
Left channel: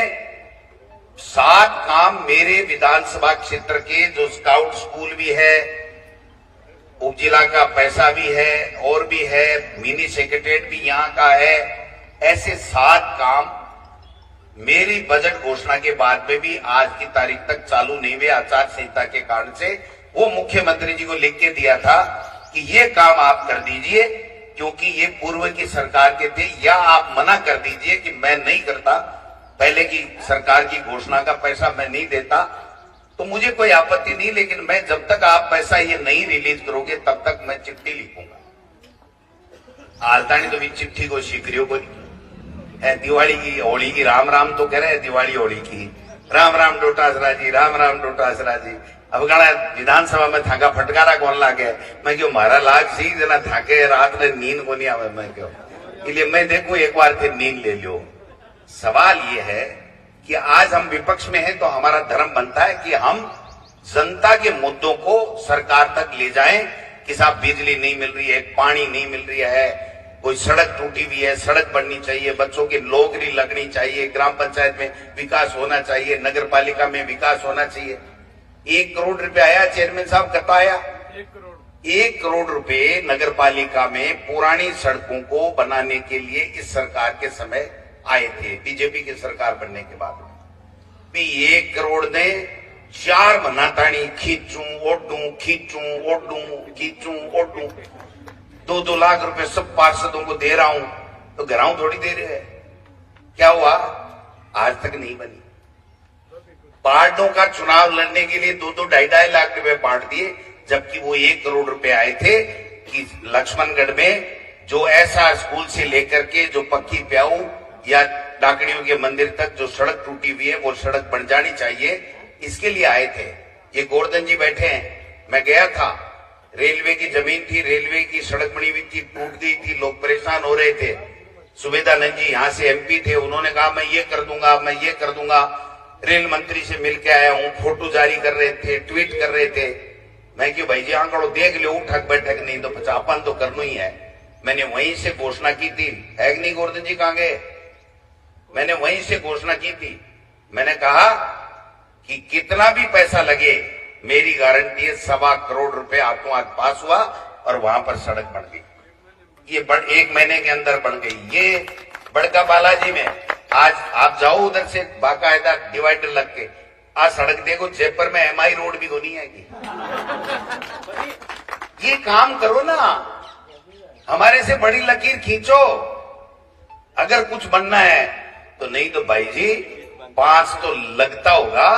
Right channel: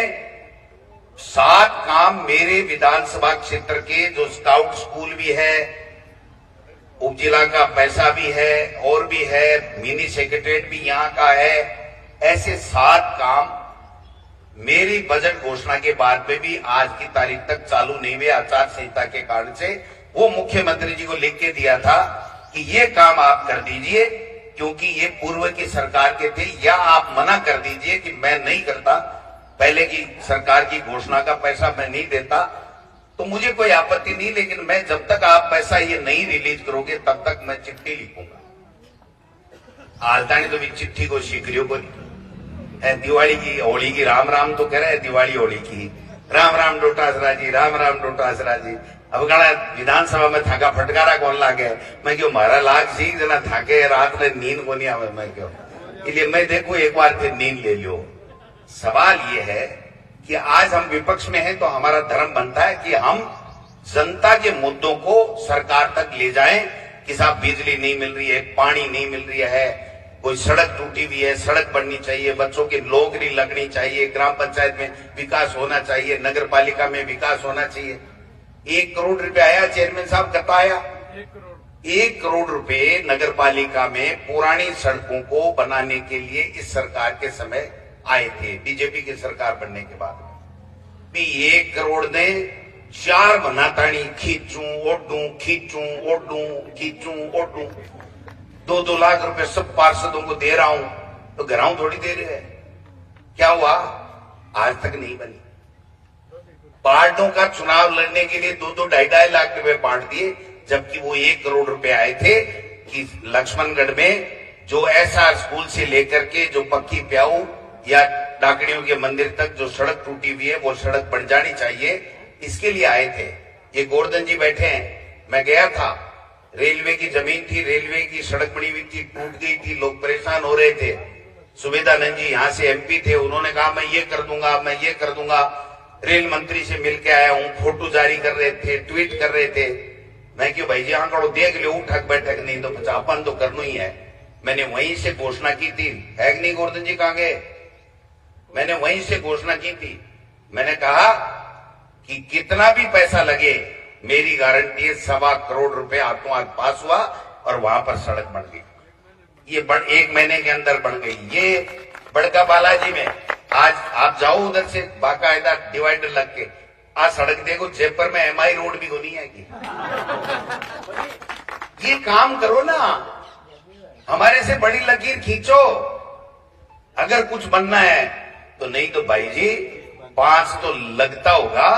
7 काम मेरे विधानसभा क्षेत्र के, जो स्काउट स्कूल भी है, उपजिला का पैसा भी है और भी है, मिनी सेक्रेटरीट भी यहां का है, ऐसे 7 काम मेरी बजट घोषणा के बाद में भी आज की तारीख तक चालू नहीं हुए, आचार संहिता के कारण से। वो मुख्यमंत्री जी को लिख के दिया था कि ये काम आप कर दीजिए, क्योंकि ये पूर्व की सरकार के थे, या आप मना कर दीजिए कि मैं नहीं करता, पहले की सरकार की घोषणा का पैसा मैं नहीं देता, तो मुझे कोई आपत्ति नहीं। लेकिन मैं जब तक आप पैसा ये नहीं रिलीज करोगे तब तक मैं चिट्ठी लिखूंगा। आलतानी तो भी चिट्ठी को शीघ्रियों को दिवाली की होली की राम राम तो कह रहे हैं, दिवाली होली की राम राम डोटासरा जी, राम राम डोटासरा जी। अब गणा विधानसभा में थाका फटकारा कौन लागे, मैं क्यों मारा लाग सी जना थाके रात में नींद को नहीं आवे, मैं क्यों, इसलिए मैं देखू एक बार फिर नींद ले लो। सवाल ये है कि आज हम विपक्ष में हैं तो हमारा धर्म बनता है कि हम जनता के मुद्दों को सरकार तक ले जाएं कि साहब बिजली नहीं मिल रही है, पानी नहीं मिल रही है, कोई सड़क टूटी हुई है, सड़क बननी चाहिए, बच्चों की नौकरी लगनी चाहिए, ग्राम पंचायत में विकास होना चाहिए, नगर पालिका में विकास होना चाहिए। 1 करोड़ रुपया आया चेयरमैन साहब, कब आया? 1 करोड़ रुपए नगर पालिका में पुरानी सड़कों को बनाने के लिए इस सरकार के समय आए थे, बीजेपी की सरकार बनने के बाद भी 1 करोड़ ने 4 महीना खींचू ओडू 2-2 लाख रुपए सब पार्षदों को दे रहा हूं, तो घराऊ थोड़ी दे रहे हैं। क्या हुआ? आज तक नहीं बनी। पार्टियों का चुनाव लड़ने के लिए 2-2 ढाई लाख रुपए बांट दिए, जबकि वो 1 करोड़ रुपए आए थे कि लक्ष्मणगढ़ में जो एसआर स्कूल से लेकर के जो पक्की प्याऊ या डाकड़ियों के मंदिर तक जो सड़क टूटी हुई है वो सड़क बन जानी चाहिए, इसके लिए आए थे। ये गोवर्धन जी बैठे हैं, मैं गया था, रेलवे की जमीन थी, रेलवे की सड़क बनी हुई थी, टूट गई थी, लोग परेशान हो रहे थे। सुबेदानंद जी यहाँ से एमपी थे, उन्होंने कहा मैं ये कर दूंगा, मैं ये कर दूंगा। रेल मंत्री से मिलकर आया हूँ, फोटो जारी कर रहे थे, ट्वीट कर रहे थे। मैं क्यों भाई जी आंकड़ो देख लो, उठक बैठक नहीं तो पचापन तो करना ही है। मैंने वहीं से घोषणा की थी, है कि नहीं गोवर्धन जी, कहां गए? मैंने वहीं से घोषणा की थी। मैंने कहा कि कितना भी पैसा लगे, मेरी गारंटी है 1.25 करोड़ रुपए हाथों हाथ पास हुआ और वहां पर सड़क बन गई। ये 1 महीने के अंदर बन गई। ये बड़का बालाजी में आज आप जाओ उधर से बाकायदा डिवाइडर लग के, आज सड़क देखो, जयपुर में एमआई रोड भी नहीं है कि ये काम करो ना, हमारे से बड़ी लकीर खींचो अगर कुछ बनना है तो। नहीं तो भाई जी 5 तो लगता होगा,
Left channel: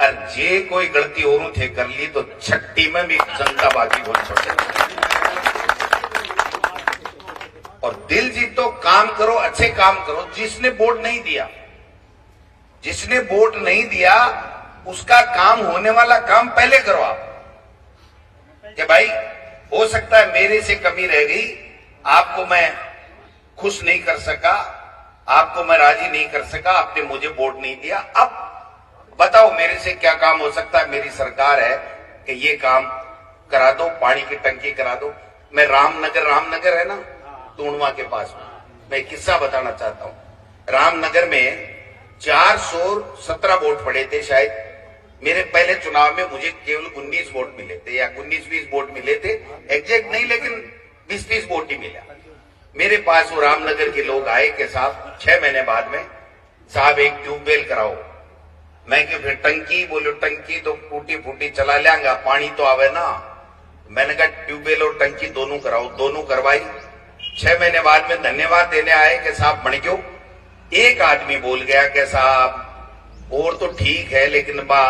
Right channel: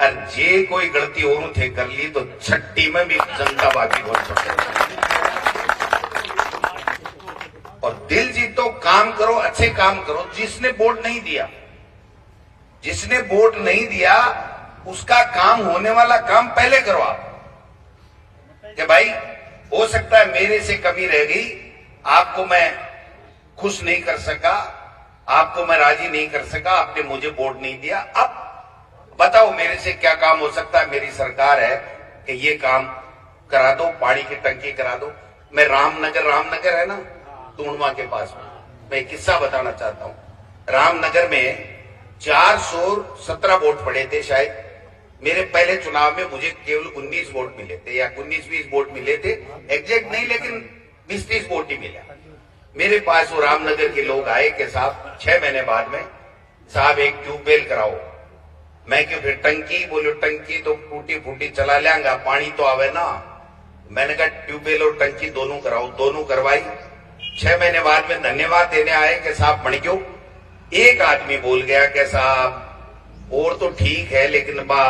और जे कोई गलती और थे कर ली तो छट्टी में भी जनता बाकी बहुत छोटे। और दिल जीतो, काम करो, अच्छे काम करो। जिसने वोट नहीं दिया, जिसने वोट नहीं दिया उसका काम होने वाला काम पहले करो आप, कि भाई हो सकता है मेरे से कमी रह गई, आपको मैं खुश नहीं कर सका, आपको मैं राजी नहीं कर सका, आपने मुझे वोट नहीं दिया, अब बताओ मेरे से क्या काम हो सकता है। मेरी सरकार है कि ये काम करा दो, पानी की टंकी करा दो। मैं रामनगर है ना टूणवा के पास में, मैं एक किस्सा बताना चाहता हूं। रामनगर में 417 वोट पड़े थे शायद, मेरे पहले चुनाव में मुझे केवल 19 वोट मिले थे, या 19-20 वोट मिले थे, एग्जैक्ट नहीं लेकिन 20-30 वोट ही मिला। मेरे पास वो रामनगर के लोग आए कि साहब 6 महीने बाद में साहब एक ट्यूबवेल कराओ। मैं क्यों फिर टंकी, बोलो टंकी तो टूटी फूटी चला लेंगा, पानी तो आवे ना। मैंने कहा ट्यूबवेल और टंकी दोनों कराओ, दोनों करवाई। 6 महीने बाद में धन्यवाद देने आए कि साहब बन क्यों। एक आदमी बोल गया कि साहब और तो ठीक है, लेकिन बा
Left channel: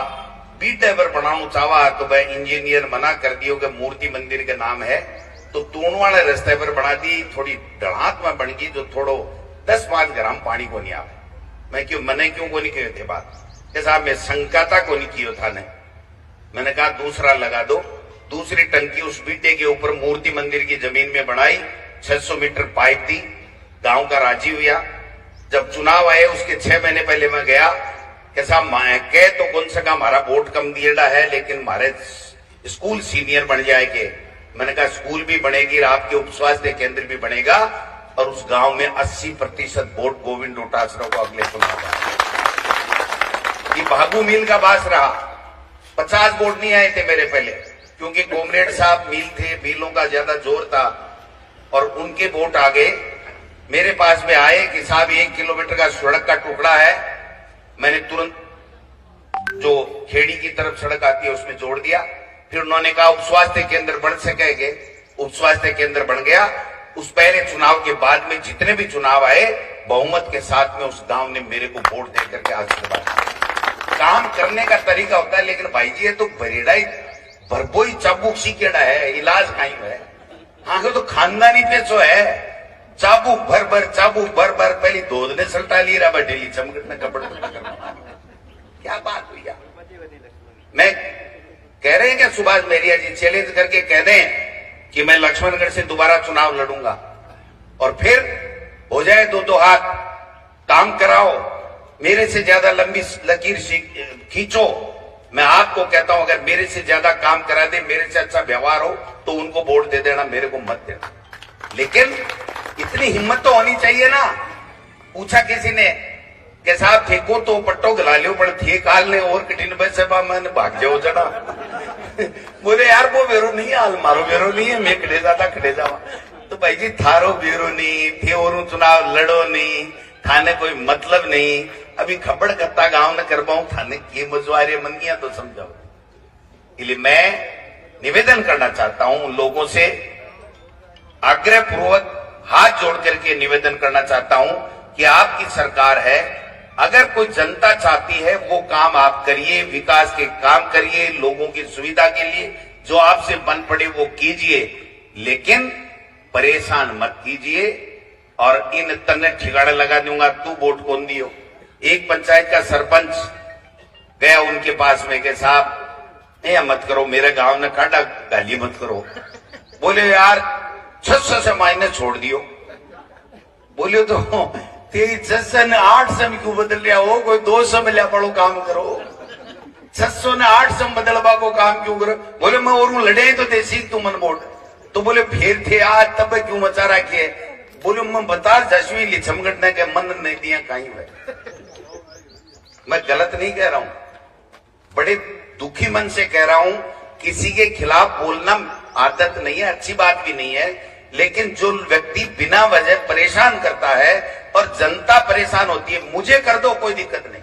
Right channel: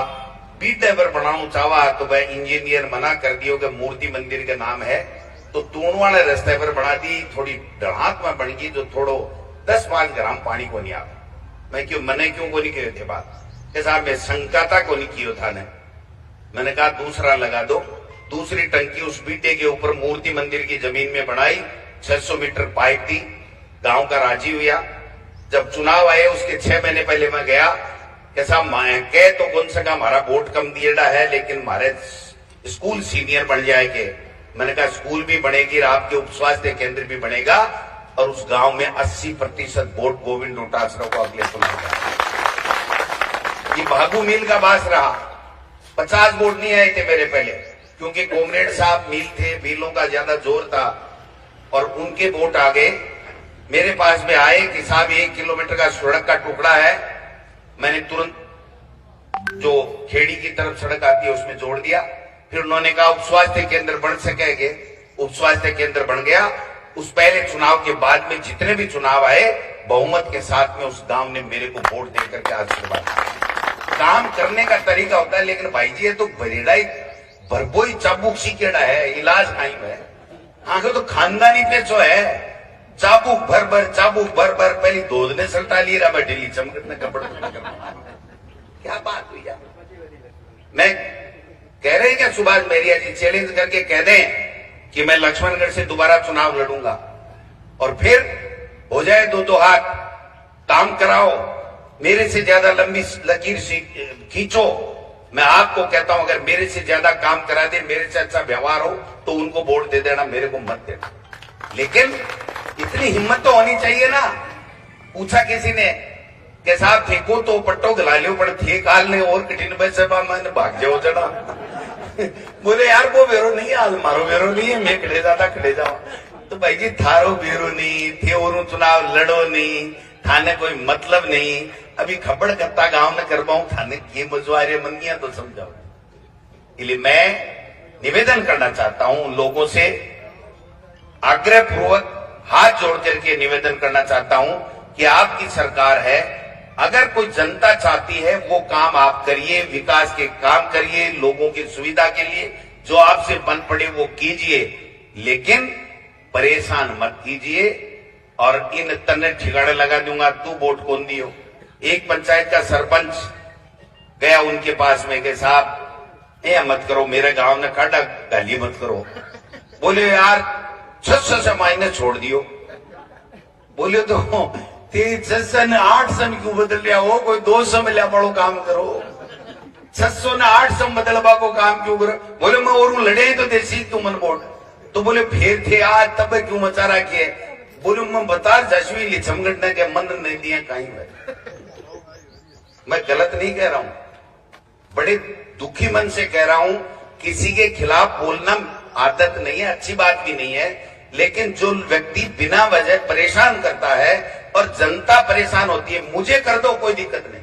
बीटेवर बनाऊ चाहवा तो वह इंजीनियर मना कर दियो कि मूर्ति मंदिर के नाम है, तो तूणवा ने रास्ते पर बना दी, थोड़ी डढ़ात में बन गई, जो थोड़ो 10-5 ग्राम पानी को नहीं आवे। मैं क्यों मने क्यों को नहीं कहे थे बात कि साहब मैं शंकाता को नहीं किया था ने। मैंने कहा दूसरा लगा दो। दूसरी टंकी उस बीटे के ऊपर मूर्ति मंदिर की जमीन में बनाई, 600 मीटर पाइप दी, गांव का राजी हुआ। जब चुनाव आए उसके 6 महीने पहले मैं गया कि साहब कह तो कौन सका हमारा वोट कम दिएड़ा है, लेकिन हमारे स्कूल सीनियर बन जाएंगे। मैंने कहा स्कूल भी बनेगी, आपके उप स्वास्थ्य केंद्र भी बनेगा, और उस गांव में 80% वोट गोविंद डोटासरा को अगले चुनाव। ये भागू मील का बास रहा, 50 वोट नहीं आए थे मेरे पहले, क्योंकि कॉमरेड साहब मील थे, मीलों का ज्यादा जोर था, और उनके वोट आ गए। मेरे पास में आए कि साहब 1 किलोमीटर का सड़क का टुकड़ा है। मैंने तुरंत जो खेड़ी की तरफ सड़क आती है उसमें जोड़ दिया। फिर उन्होंने कहा उप स्वास्थ्य केंद्र बन सकेंगे, उप स्वास्थ्य केंद्र बन गया। उस पहले चुनाव के बाद में जितने भी चुनाव आए बहुमत के साथ में उस गांव ने मेरे को वोट देकर के आशीर्वाद दिया। काम करने का तरीका होता है, लेकिन भाई जी ये तो बरेड़ा ही भरपोई चाबुक सीकेड़ा है, इलाज कहीं है। आगे तो खानदानी पैसो है, चाबुक भर भर पहली दूध ने सल्टा ली रहा डेली चमकट ने कपड़ क्या बात हुई यार। मैं कह रहे हैं क्या सुभाष मेरिया जी चैलेंज करके कह दें कि मैं लक्ष्मणगढ़ से दोबारा चुनाव लड़ूंगा और फिर हो जाए दो हाथ, काम कराओ, मेरे से ज्यादा लंबी लकीर खींचो। मैं आपको कहता हूं अगर मेरे से ज्यादा काम करा दे, मेरे से अच्छा व्यवहार हो तो उनको वोट दे देना, मेरे को मत देना। लेकिन इतनी हिम्मत तो होनी चाहिए ना। पूछा किसी ने कि साहब फेंको तो पट्टो गला लियो, पर थे काल ने और कठिन पैसे मैंने भाग जाओ जना। बोले यार वो बेरो नहीं, हाल मारो बेरो नहीं है, मैं खड़े जाता खड़े जाओ। तो भाई जी थारो बेरो नहीं थे और चुनाव लड़ो नहीं, थाने कोई मतलब नहीं। अभी खबड़ करता गांव न कर पाऊं, थाने की मजवारी मंदियां तो समझाओ। इसलिए मैं निवेदन करना चाहता हूं लोगों से, आग्रह पूर्वक हाथ जोड़ करके निवेदन करना चाहता हूं कि आपकी सरकार है, अगर कोई जनता चाहती है वो काम आप करिए, विकास के काम करिए, लोगों की सुविधा के लिए जो आपसे बन पड़े वो कीजिए, लेकिन परेशान मत कीजिए। और इन तन्ने ठिकाने लगा दूंगा तू वोट कौन दियो। एक पंचायत का सरपंच गया उनके पास में कि साहब ये मत करो, मेरे गांव ने काटा, गाली मत करो। बोले यार 600 से मायने छोड़ दियो। बोले तो 600 ने 800 में क्यों बदल लिया हो, कोई 200 में लिया पड़ो काम करो, 600 ने 800 में बदलवा को काम क्यों करो। बोले मैं और लड़े तो देसी तू मन वोट। तो बोले फिर थे आज तब क्यों मचा रखे। बोले मैं बता जश्वी छमगटने के मन नहीं दिया कहीं है। मैं गलत नहीं कह रहा हूं, बड़े दुखी मन से कह रहा हूं। किसी के खिलाफ बोलना आदत नहीं है, अच्छी बात भी नहीं है, लेकिन जो व्यक्ति बिना वजह परेशान करता है और जनता परेशान होती है, मुझे कर दो कोई दिक्कत नहीं,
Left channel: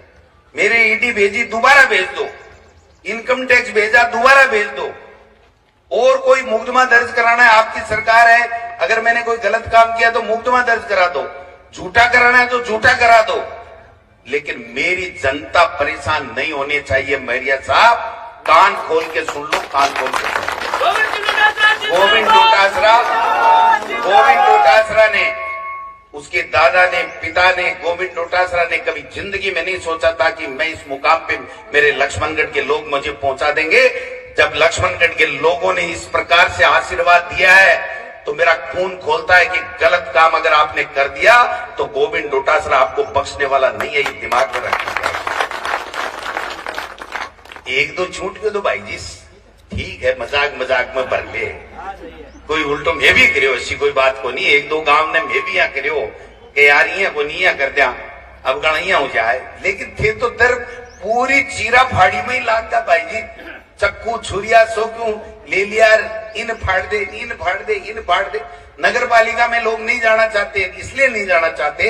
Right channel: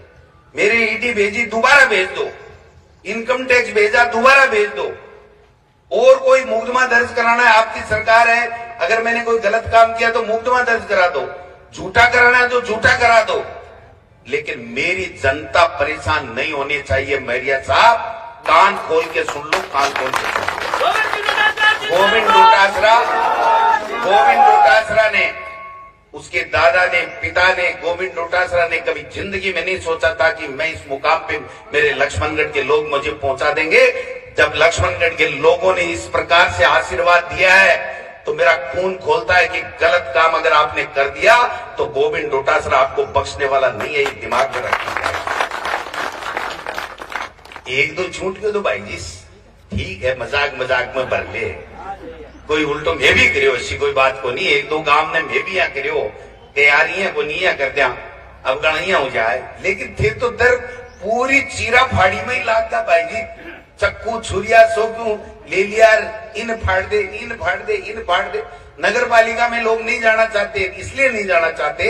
मेरी ईडी भेजी दोबारा भेज दो, इनकम टैक्स भेजा दोबारा भेज दो, और कोई मुकदमा दर्ज कराना है आपकी सरकार है, अगर मैंने कोई गलत काम किया तो मुकदमा दर्ज करा दो, झूठा कराना है तो झूठा करा दो, लेकिन मेरी जनता परेशान नहीं होनी चाहिए। मेरिया साहब कान खोल के सुन लो, कान खोल के सुन लो। गोविंद डोटासरा ने, उसके दादा ने, पिता ने, गोविंद डोटासरा ने कभी जिंदगी में नहीं सोचा था कि मैं इस मुकाम पे मेरे लक्ष्मणगढ़ के लोग मुझे पहुंचा देंगे। जब लक्ष्मणगढ़ के लोगों ने इस प्रकार से आशीर्वाद दिया है तो मेरा खून खोलता है कि गलत काम अगर आपने कर दिया तो गोविंद डोटासरा आपको बख्शने वाला नहीं है, ये दिमाग में रखिए। एक दो छूट के तो भाई जी ठीक है, मजाक मजाक में भर ले, कोई उल्टो मैं भी करियो, ऐसी कोई बात को नहीं। एक दो गांव ने मैं भी यहाँ करियो कि यार ये को नहीं कर दिया, अब गणिया हो जाए, लेकिन फिर तो दर पूरी चीरा फाड़ी में ही लागता भाई जी। चक्कू छुरिया सो क्यों ले लिया, इन फाड़ दे, इन फाड़ दे, इन फाड़ दे। नगर पालिका में लोग नहीं जाना चाहते, इसलिए नहीं जाना चाहते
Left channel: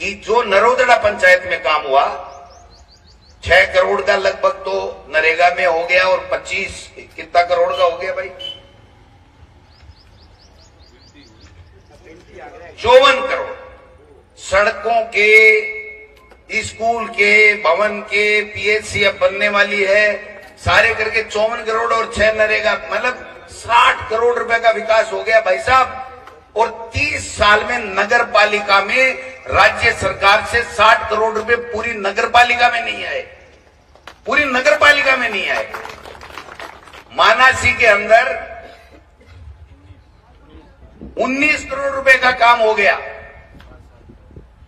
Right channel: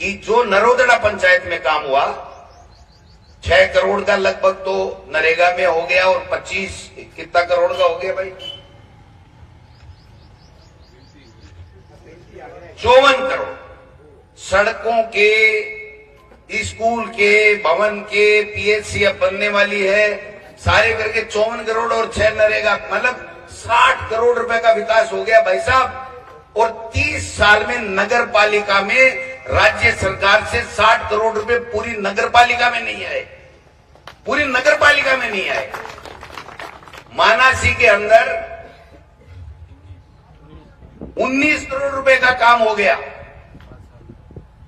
कि जो नरोदड़ा पंचायत में काम हुआ 6 करोड़ का लगभग तो नरेगा में हो गया, और 25 कितना करोड़ का हो गया भाई, 54 करोड़ सड़कों के, स्कूल के, भवन के, पीएचसी अब बनने वाली है, सारे करके 54 करोड़ और 6 नरेगा, मतलब 60 करोड़ रुपए का विकास हो गया भाई साहब। और 30 साल में नगर पालिका में राज्य सरकार से 60 करोड़ रुपए पूरी नगर पालिका में नहीं आए, पूरी नगर पालिका में नहीं आए। मानासी के अंदर 19 करोड़ रुपए का काम हो गया,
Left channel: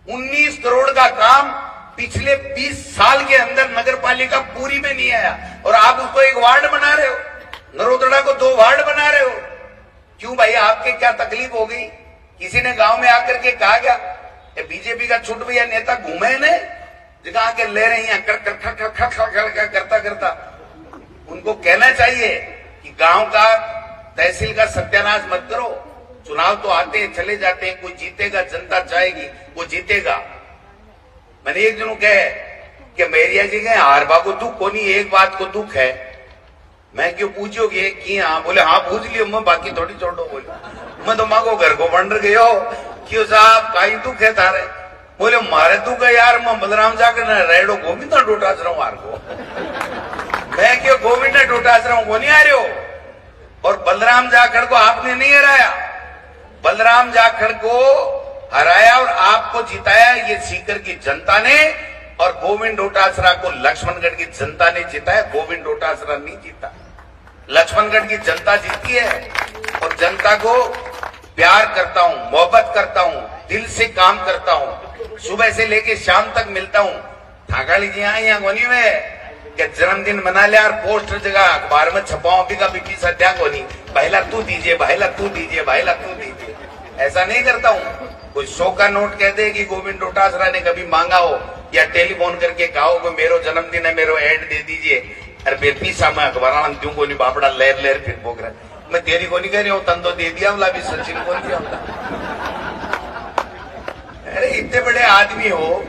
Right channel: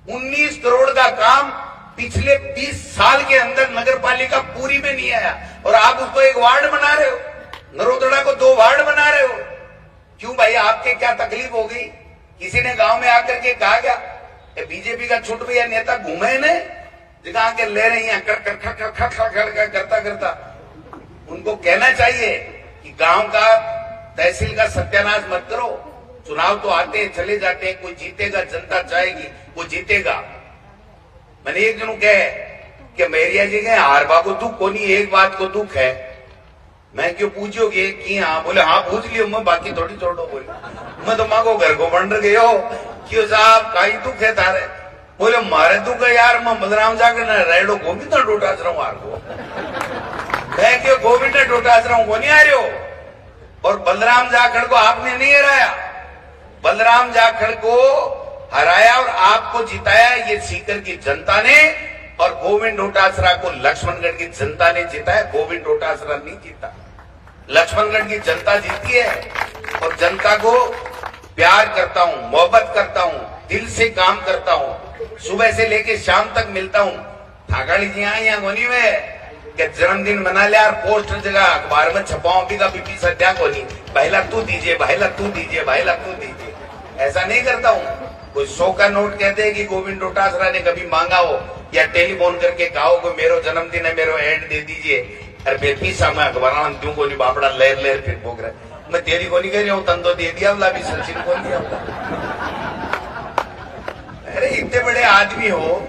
19 करोड़ का काम पिछले 20 साल के अंदर नगर पालिका पूरी में नहीं आया, और आप उसको एक वार्ड बना रहे हो, नरोदड़ा को 2 वार्ड बना रहे हो। क्यों भाई, आपके क्या तकलीफ हो गई? किसी ने गांव में आकर के कहा क्या बीजेपी का छुट भैया नेता घूमे ने जगह के ले रहे हैं करता करता, उनको कहना चाहिए कि गांव का, तहसील का सत्यानाश मत करो। चुनाव तो आते हैं चले जाते हैं, कोई जीतेगा, जनता चाहेगी वो जीतेगा। मैंने एक जनों कहे कि मेरिया जी गए हारबा को दुख को नहीं, एक बात को दुख है। मैं क्यों पूछोगे कि हाँ, बोले हाँ पूछ लियो, मैं बाकी थोड़ी छोड़ो। बोले मैं तो माँ को घर को बन गयो क्यों साहब कहीं तू खे थारे बोले मारे तू का यार मैं बलराम जाकर न रेडो गोविंद डोटा रहा हूँ को मैं क्यों गोविंद डोटा रहा हूँ को नहीं आ रहे हो। और बलराम जाखड़ को आपने नहीं हराया, बलराम जाखड़ को हराया और आपको जिताया ये सीकर की जनता ने, और गोविंद डोटासरा को लक्ष्मणगढ़ की जनता ने जिताया, गोविंद डोटासरा नहीं जीता। लक्ष्मणगढ़ की जनता जीती है और जनता को प्यार करता हूं, मोहब्बत करता हूं, दिल से काम करता हूं, सुबह से लेके शाम तक मिलता हूं। ठाकाली जी आए यहाँ कोनी में कि जन्मदिन मना लिया और पोस्टर जगह अखबार में छपाओ भी का बीपी सद्या कोनी, पहला तू दीजिए, पहला तू दीजिए, पहला तू दीजिए, ऐसा नहीं करता हूं। कोई 100 का नोट कहते हैं कि गोविंद डोटासरा ने कभी मांगा हो या टेलीफोन करके कहा हो कि मेरो जन्मदिन है, मेरो एड दे दीजिए, अरे बेपी सामा अखबार में क्यों कोनी बापड़ा लेर लेर फिर भोग रहा, मैं तेरी को नहीं कह रही हूँ, तन तो दे दिया, बोला भी सचिन को नहीं दिया। अरे इतने बड़े आदमी हो,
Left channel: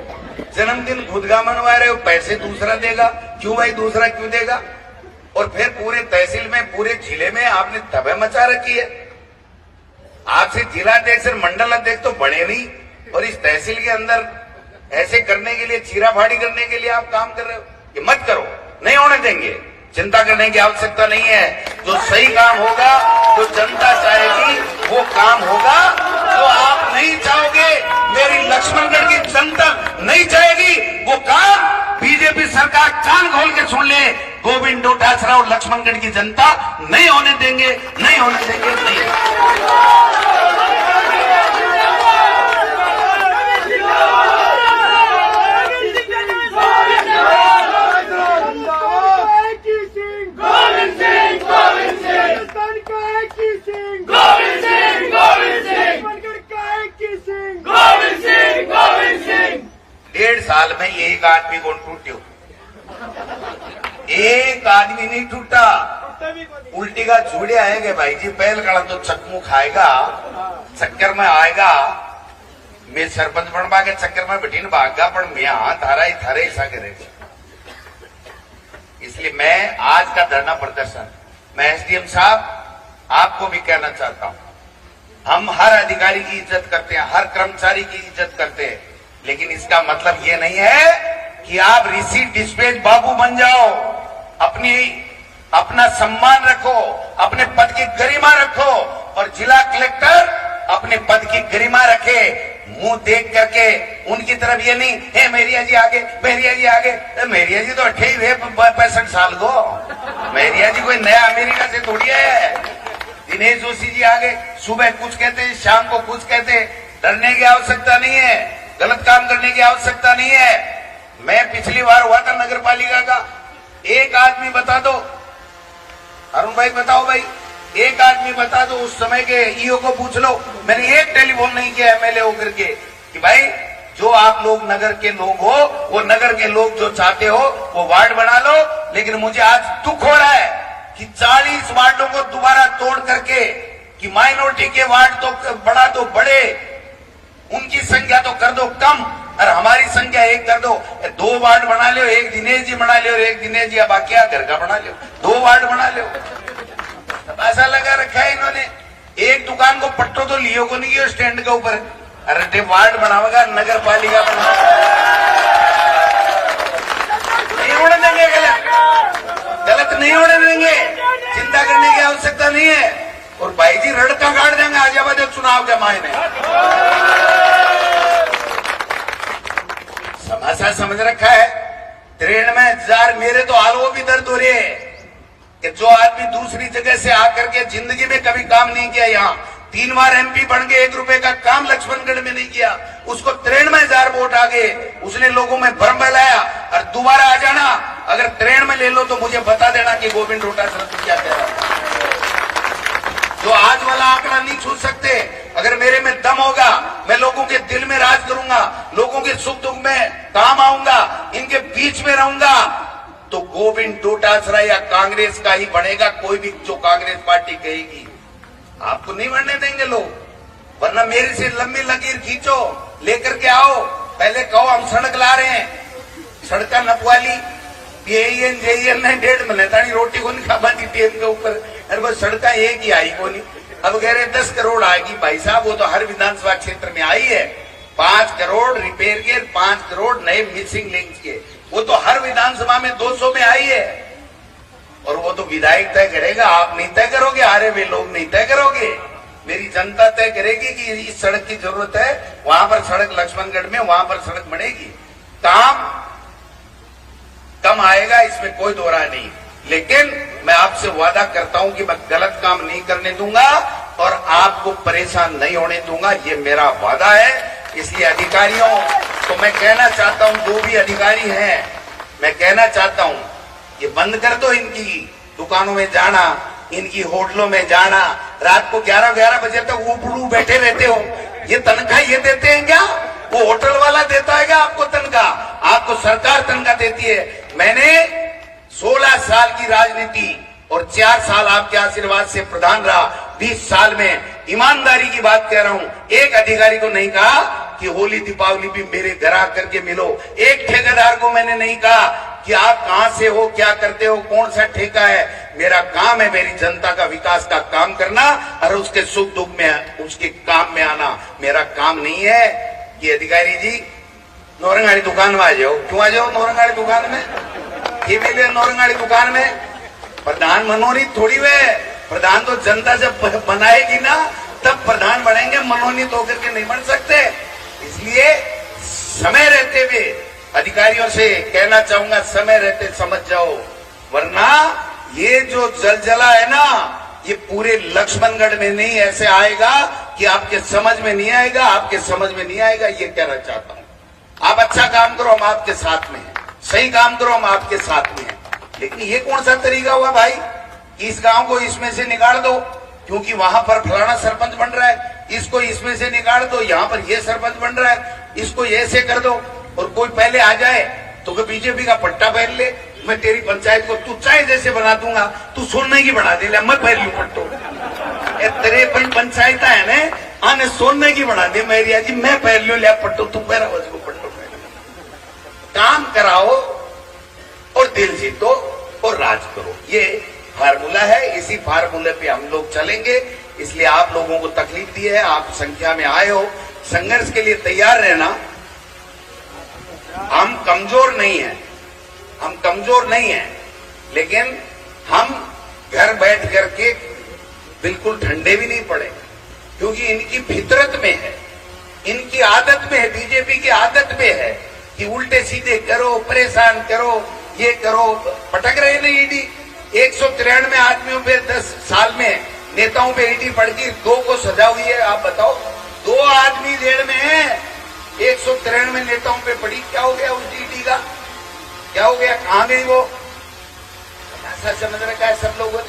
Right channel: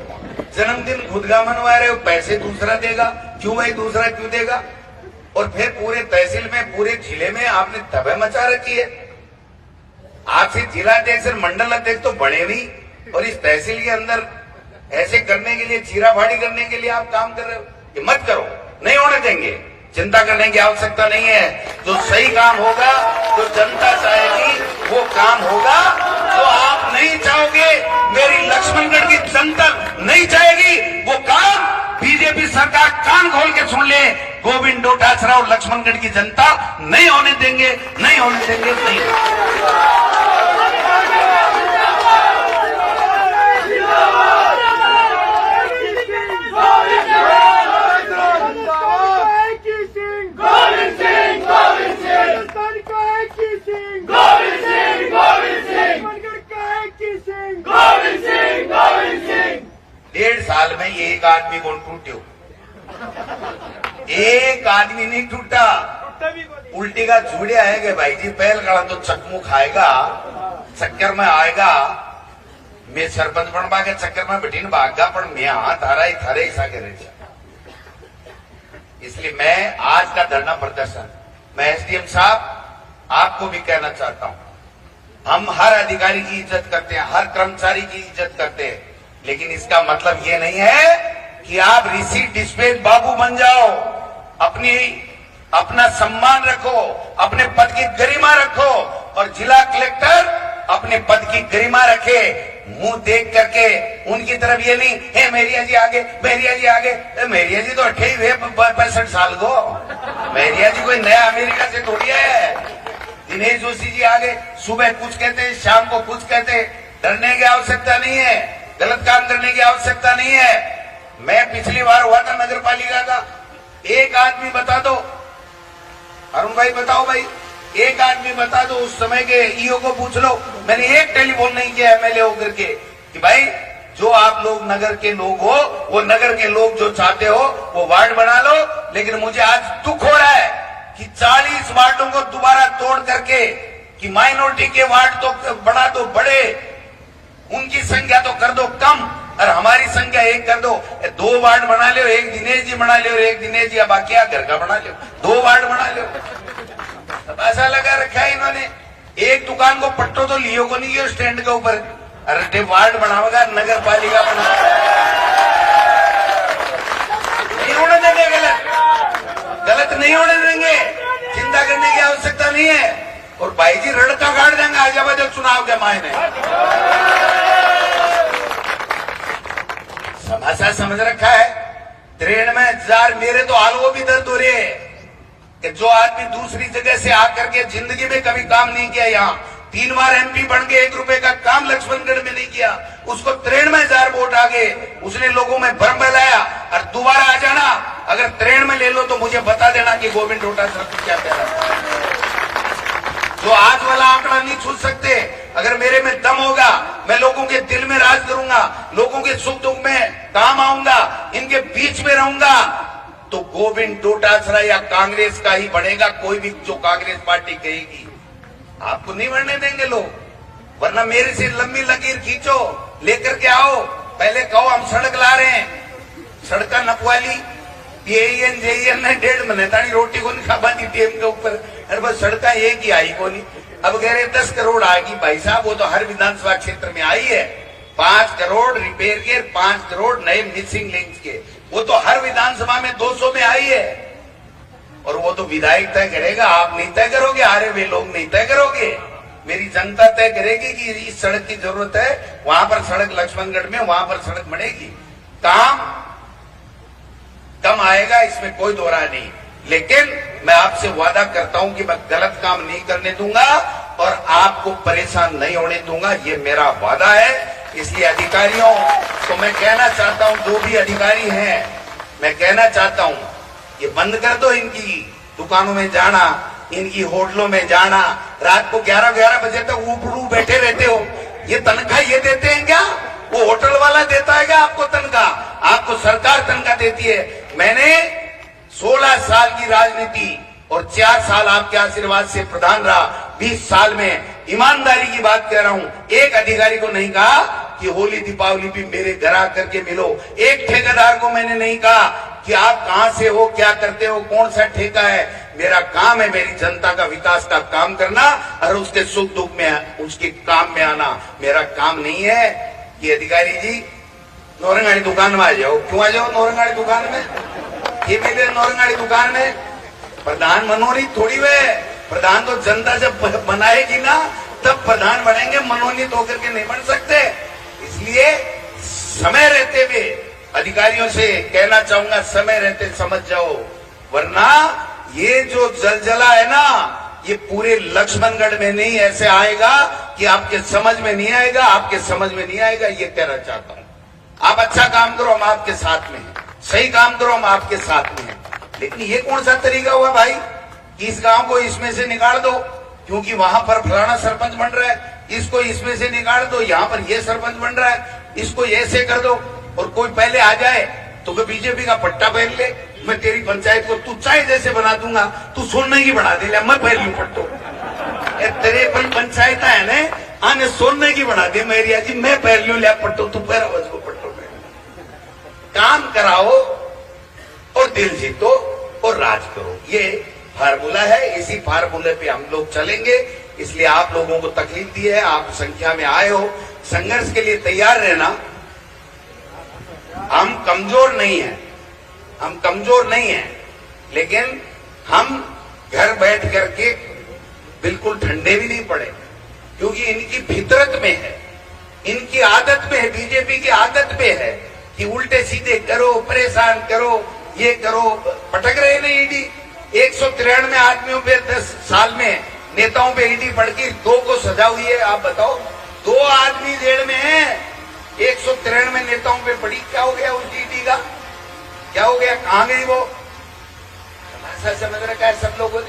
जन्मदिन खुद का मनवा रहे हो, पैसे दूसरा देगा, क्यों भाई दूसरा क्यों देगा। और फिर पूरे तहसील में, पूरे जिले में आपने तबाह मचा रखी है। आपसे जिला अध्यक्ष मंडल अध्यक्ष तो बने नहीं, और इस तहसील के अंदर ऐसे करने के लिए, चीराफाड़ी करने के लिए आप काम कर रहे हो। ये मत करो, नहीं होने देंगे, चिंता करने की आवश्यकता नहीं है। जो सही काम होगा, जो जनता चाहेगी वो काम होगा। तो आप नहीं चाहोगे, मेरी लक्ष्मणगढ़ की जनता नहीं चाहेगी वो काम, बीजेपी सरकार कान खोल के सुन ले, गोविंद डोटासरा और लक्ष्मणगढ़ की जनता नहीं होने देंगे, नहीं होने देंगे, नहीं। डेढ़ साल में ये एक आदमी कौन टूटे, एक आदमी नहीं टूटा, उल्टी का झूड़े आएंगे भाई जी, पहल काला तो चकमू खाएगा, चक्कर में आएगा, मैं सरपंच बनवा के चक्कर में बैठी भागा, पर मैं हाथ हारा ही थारे ऐसा करे। इसलिए मैं आज का धरना प्रदर्शन, मैं एसडीएम साहब आपको भी कहना चाहता हूं, हम हर अधिकारी की इज्जत करते हैं, हर कर्मचारी की इज्जत करते हैं, लेकिन इसका मतलब ये नहीं है कि आप रिसीट डिस्पैच बाबू बन जाओ। अपना सम्मान रखो, अपने पद की गरिमा रखो, और जिला कलेक्टर अपने पद की गरिमा रखे। मुंह देख करके उनकी तरफ ये नहीं है मेरिया जी आगे, मेरिया जी आगे, मेरिया जी तो 68-65 साल को, मेरिया जी कोई नया अमेरिका से थोड़ी है। दिनेश जोशी जी आगे सुबह कुछ कहते हैं, शाम को कुछ कहते हैं, डरने की आवश्यकता नहीं है, गलत काम करने की आवश्यकता नहीं है। मैं पिछली बार हुआ था नगर पालिका का, एक आदमी बता दो, अरुण भाई बताओ भाई, एक आदमी बता दो, उस समय के ईओ को पूछ लो, मैंने एक टेलीफोन नहीं किया एमएलए होकर के कि भाई जो आप लोग नगर के लोग हो, वो नगर के लोग जो चाहते हो वो वार्ड बना लो। लेकिन मुझे आज दुख हो रहा है कि 40 वार्डों को दोबारा तोड़ करके, कि माइनॉरिटी के वार्ड तो बढ़ा दो बड़े, उनकी संख्या तो कर दो कम, और हमारी संख्या एक कर दो। 2 वार्ड बना लो, एक दिनेश जी बना लो, एक दिनेश जी बाकी घर का बना लो, 2 वार्ड बना लो। ऐसा लगा रखा है इन्होंने, एक दुकान को पट्टो तो लियो को नहीं, स्टैंड के ऊपर, अरे वार्ड बनावेगा, नगर पालिका बना, नहीं होने देंगे, गलत नहीं होने देंगे, चिंता करने की आवश्यकता नहीं है। और भाई जी रड़का काट देंगे आजाबाद चुनाव के मायने, समाचार समझ रखा है। ट्रेन में जार मेरे तो हाल वो भी दर्द हो रही है कि जो आदमी दूसरी जगह से आकर के जिंदगी में कभी काम नहीं किया, यहाँ 3 बार एमपी बन के 1 रुपए का काम लक्ष्मणगढ़ में नहीं किया, उसको ट्रेन में 1000 वोट आ गए, उसने लोगों में भ्रम फैलाया। और दोबारा आ जाना, अगर ट्रेन में ले लो तो मुझे बता देना कि गोविंद डोटासरा क्या कह रहा है। जो आज वाला आंकड़ा नहीं छू सकते, अगर मेरे में दम होगा, मैं लोगों के दिल में राज करूंगा, लोगों के सुख दुख में काम आऊंगा, इनके बीच में रहूंगा, तो गोविंद डोटासरा या कांग्रेस का ही बनेगा। कोई भी जो कांग्रेस पार्टी कहेगी आपको नहीं बढ़ने देंगे लोग, वरना मेरे से लंबी लकीर खींचो, लेकर के आओ, पहले कहो हम सड़क ला रहे हैं, सड़क नपवाली PAN JN ने 1.5 महीने ताड़ी रोटी को नहीं खा पाती टीएम के ऊपर, अरे बस सड़क एक ही आई को नहीं, अब कह रहे 10 करोड़ आएगी। भाई साहब वो तो हर विधानसभा क्षेत्र में आई है। 5 करोड़ रिपेयर के, 5 करोड़ नए मिसिंग लिंक के, वो तो हर विधानसभा में 200 में आई है। और वो तो विधायक तय करेगा, आप नहीं तय करोगे, हारे वे लोग नहीं तय करोगे। मेरी जनता तय करेगी कि इस सड़क की जरूरत है, वहां पर सड़क लक्ष्मणगढ़ में वहां पर सड़क बनेगी। काम कम आएगा, इसमें कोई दो राय नहीं, लेकिन मैं आपसे वादा करता हूं कि मैं गलत काम नहीं करने दूंगा और आपको परेशान नहीं होने दूंगा, ये मेरा वादा है। इसलिए अधिकारियों को मैं कहना चाहता हूं, जो भी अधिकारी हैं, मैं कहना चाहता हूं ये बंद कर दो, इनकी दुकानों में जाना, इनकी होटलों में जाना, रात को 11-11 बजे तक ऊपरू बैठे रहते हो। ये तनख्वाह ये देते हैं क्या? वो होटल वाला देता है क्या आपको तनख्वाह? आपको सरकार तनख्वाह देती है। मैंने 16 साल की राजनीति और 4 साल आपके आशीर्वाद से प्रधान रहा। 20 साल में ईमानदारी की बात कह रहा हूं, एक अधिकारी को नहीं कहा कि होली दीपावली भी मेरे घर आकर के मिलो। एक ठेकेदार को मैंने नहीं कहा कि आप कहां से हो, क्या करते हो, कौन सा ठेका है। मेरा काम है मेरी जनता का विकास का काम करना और उसके सुख दुख में उसके काम में आना। मेरा काम नहीं है कि अधिकारी जी नौरंगाड़ी दुकान में आ जाओ। क्यों आ जाओ नौरंगाड़ी दुकान में? ये भी नौरंगाड़ी दुकान में प्रधान मनोनीत थोड़ी वे। प्रधान तो जनता जब बनाएगी ना तब प्रधान बनेंगे, मनोनीत होकर के नहीं बन सकते। इसलिए समय रहते हुए अधिकारियों से कहना चाहूंगा, समय रहते समझ जाओ, वरना ये जो जलजला है ना, ये पूरे लक्ष्मणगढ़ में नहीं ऐसे आएगा कि आपके समझ में नहीं आएगा, आपके समझ में नहीं आएगा। ये कहना चाहता हूं। आप अच्छा काम करो, हम आपके साथ में हैं। सही काम करो, हम आपके साथ में हैं। लेकिन ये कौन सा तरीका हुआ भाई कि इस गांव को इसमें से निकाल दो क्योंकि वहां पर फलाना सरपंच बन रहा है, इसको इसमें से निकाल दो, यहाँ पर ये सरपंच बन रहा है, इसको ऐसे कर दो। और कोई पहले आ जाए तो कोई बीजेपी का पट्टा पहन ले, मैं तेरी पंचायत को तू चाहे जैसे बना दूंगा, तू सोने की बना दे, मैं पहन लू पट्टो। तेरे पंचायत है ना, आने सोने की बना दे मेरी जी, मैं पहन लू लिया पट्टो, तू पहरा उसको पट्टो पहन। काम कराओ और दिल जीतो और राज करो, ये फार्मूला है। इसी फार्मूले पे हम लोग चलेंगे। इसलिए आप लोगों को तकलीफ दी है, आप संख्या में आए हो, संघर्ष के लिए तैयार रहना। हम कमजोर नहीं हैं, हम कमजोर नहीं हैं, लेकिन हम घर बैठ करके बिल्कुल ठंडे भी नहीं पड़े, क्योंकि इनकी फितरत में है, इनकी आदत में है, बीजेपी की आदत में है कि उल्टे सीधे करो, परेशान करो, ये करो। पटक रहे नहीं ईडी। 193 आदमियों पे 10 साल में नेताओं पे ईडी पड़ गई, 2 को सजा हुई है। आप बताओ, 2 आदमी जेल में है, 193 नेताओं पे पड़ी। क्या हो गया उस ईडी का? क्या हो गया? कहां गई वो? ऐसा समझ रखा है सब लोगों ने।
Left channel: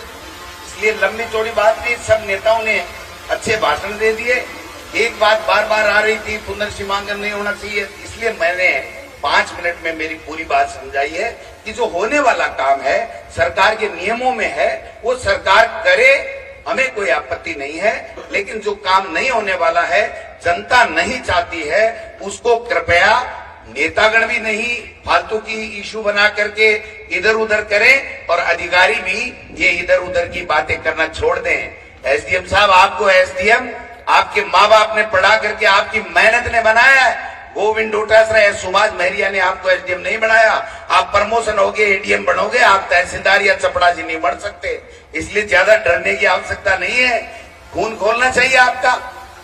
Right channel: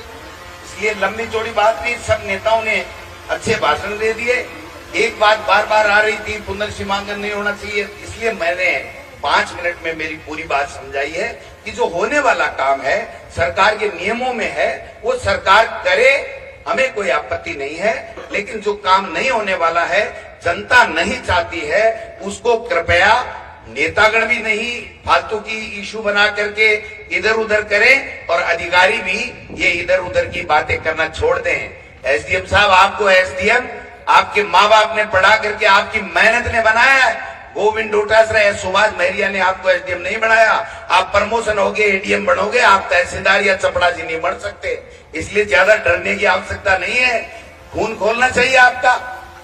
इसलिए लंबी चौड़ी बात नहीं, सब नेताओं ने अच्छे भाषण दे दिए। एक बात बार बार आ रही थी, पुनर्सीमांकन नहीं होना चाहिए, इसलिए मैंने 5 मिनट में मेरी पूरी बात समझाई है कि जो होने वाला काम है सरकार के नियमों में है, वो सरकार करे, हमें कोई आपत्ति नहीं है। लेकिन जो काम नहीं होने वाला है, जनता नहीं चाहती है, उसको कृपया नेतागण भी नहीं फालतू की इशू बना करके इधर उधर करें और अधिकारी भी ये इधर उधर की बातें करना छोड़ दें। एसडीएम साहब, आपको एसडीएम आपके माँ बाप ने पढ़ा करके आपकी मेहनत ने बनाया है। गोविंद डोटासरा या सुभाष महरिया ने आपको एसडीएम नहीं बनाया। आप प्रमोशन होगे, एडीएम बनोगे, आप तहसीलदार या चपड़ासी नहीं बन सकते। इसलिए ज्यादा डरने की आवश्यकता नहीं है, खून खोलना चाहिए आपका।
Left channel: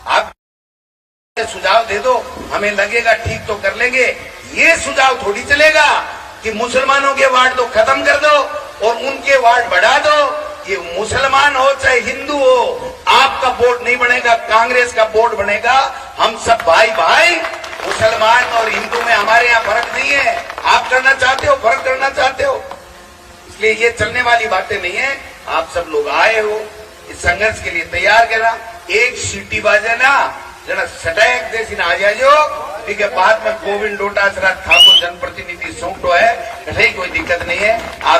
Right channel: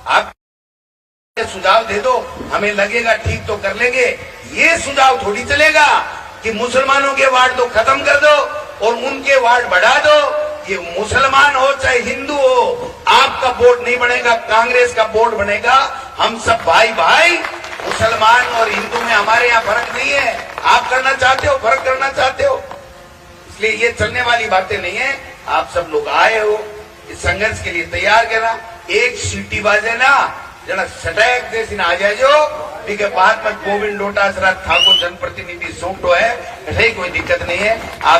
आप सुझाव दे दो, हमें लगेगा ठीक तो कर लेंगे। ये सुझाव थोड़ी चलेगा कि मुसलमानों के वार्ड तो खत्म कर दो और उनके वार्ड बढ़ा दो। ये मुसलमान हो चाहे हिंदू हो, आपका वोट नहीं बनेगा, कांग्रेस का वोट बनेगा। हम सब भाई भाई, मुसलमान और हिंदू में हमारे यहाँ फर्क नहीं है। आप करना चाहते हो, फर्क करना चाहते हो, इसलिए ये चलने वाली बातें नहीं है। आप सब लोग आए हो, इस संघर्ष के लिए तैयार करना। एक सीटी बाजे ना जना सटैक देसी ना आ जाओ, ठीक है। बाद में गोविंद डोटासरा ठाकुर जनप्रतिनिधि सौंपो है, कोई दिक्कत नहीं है। आप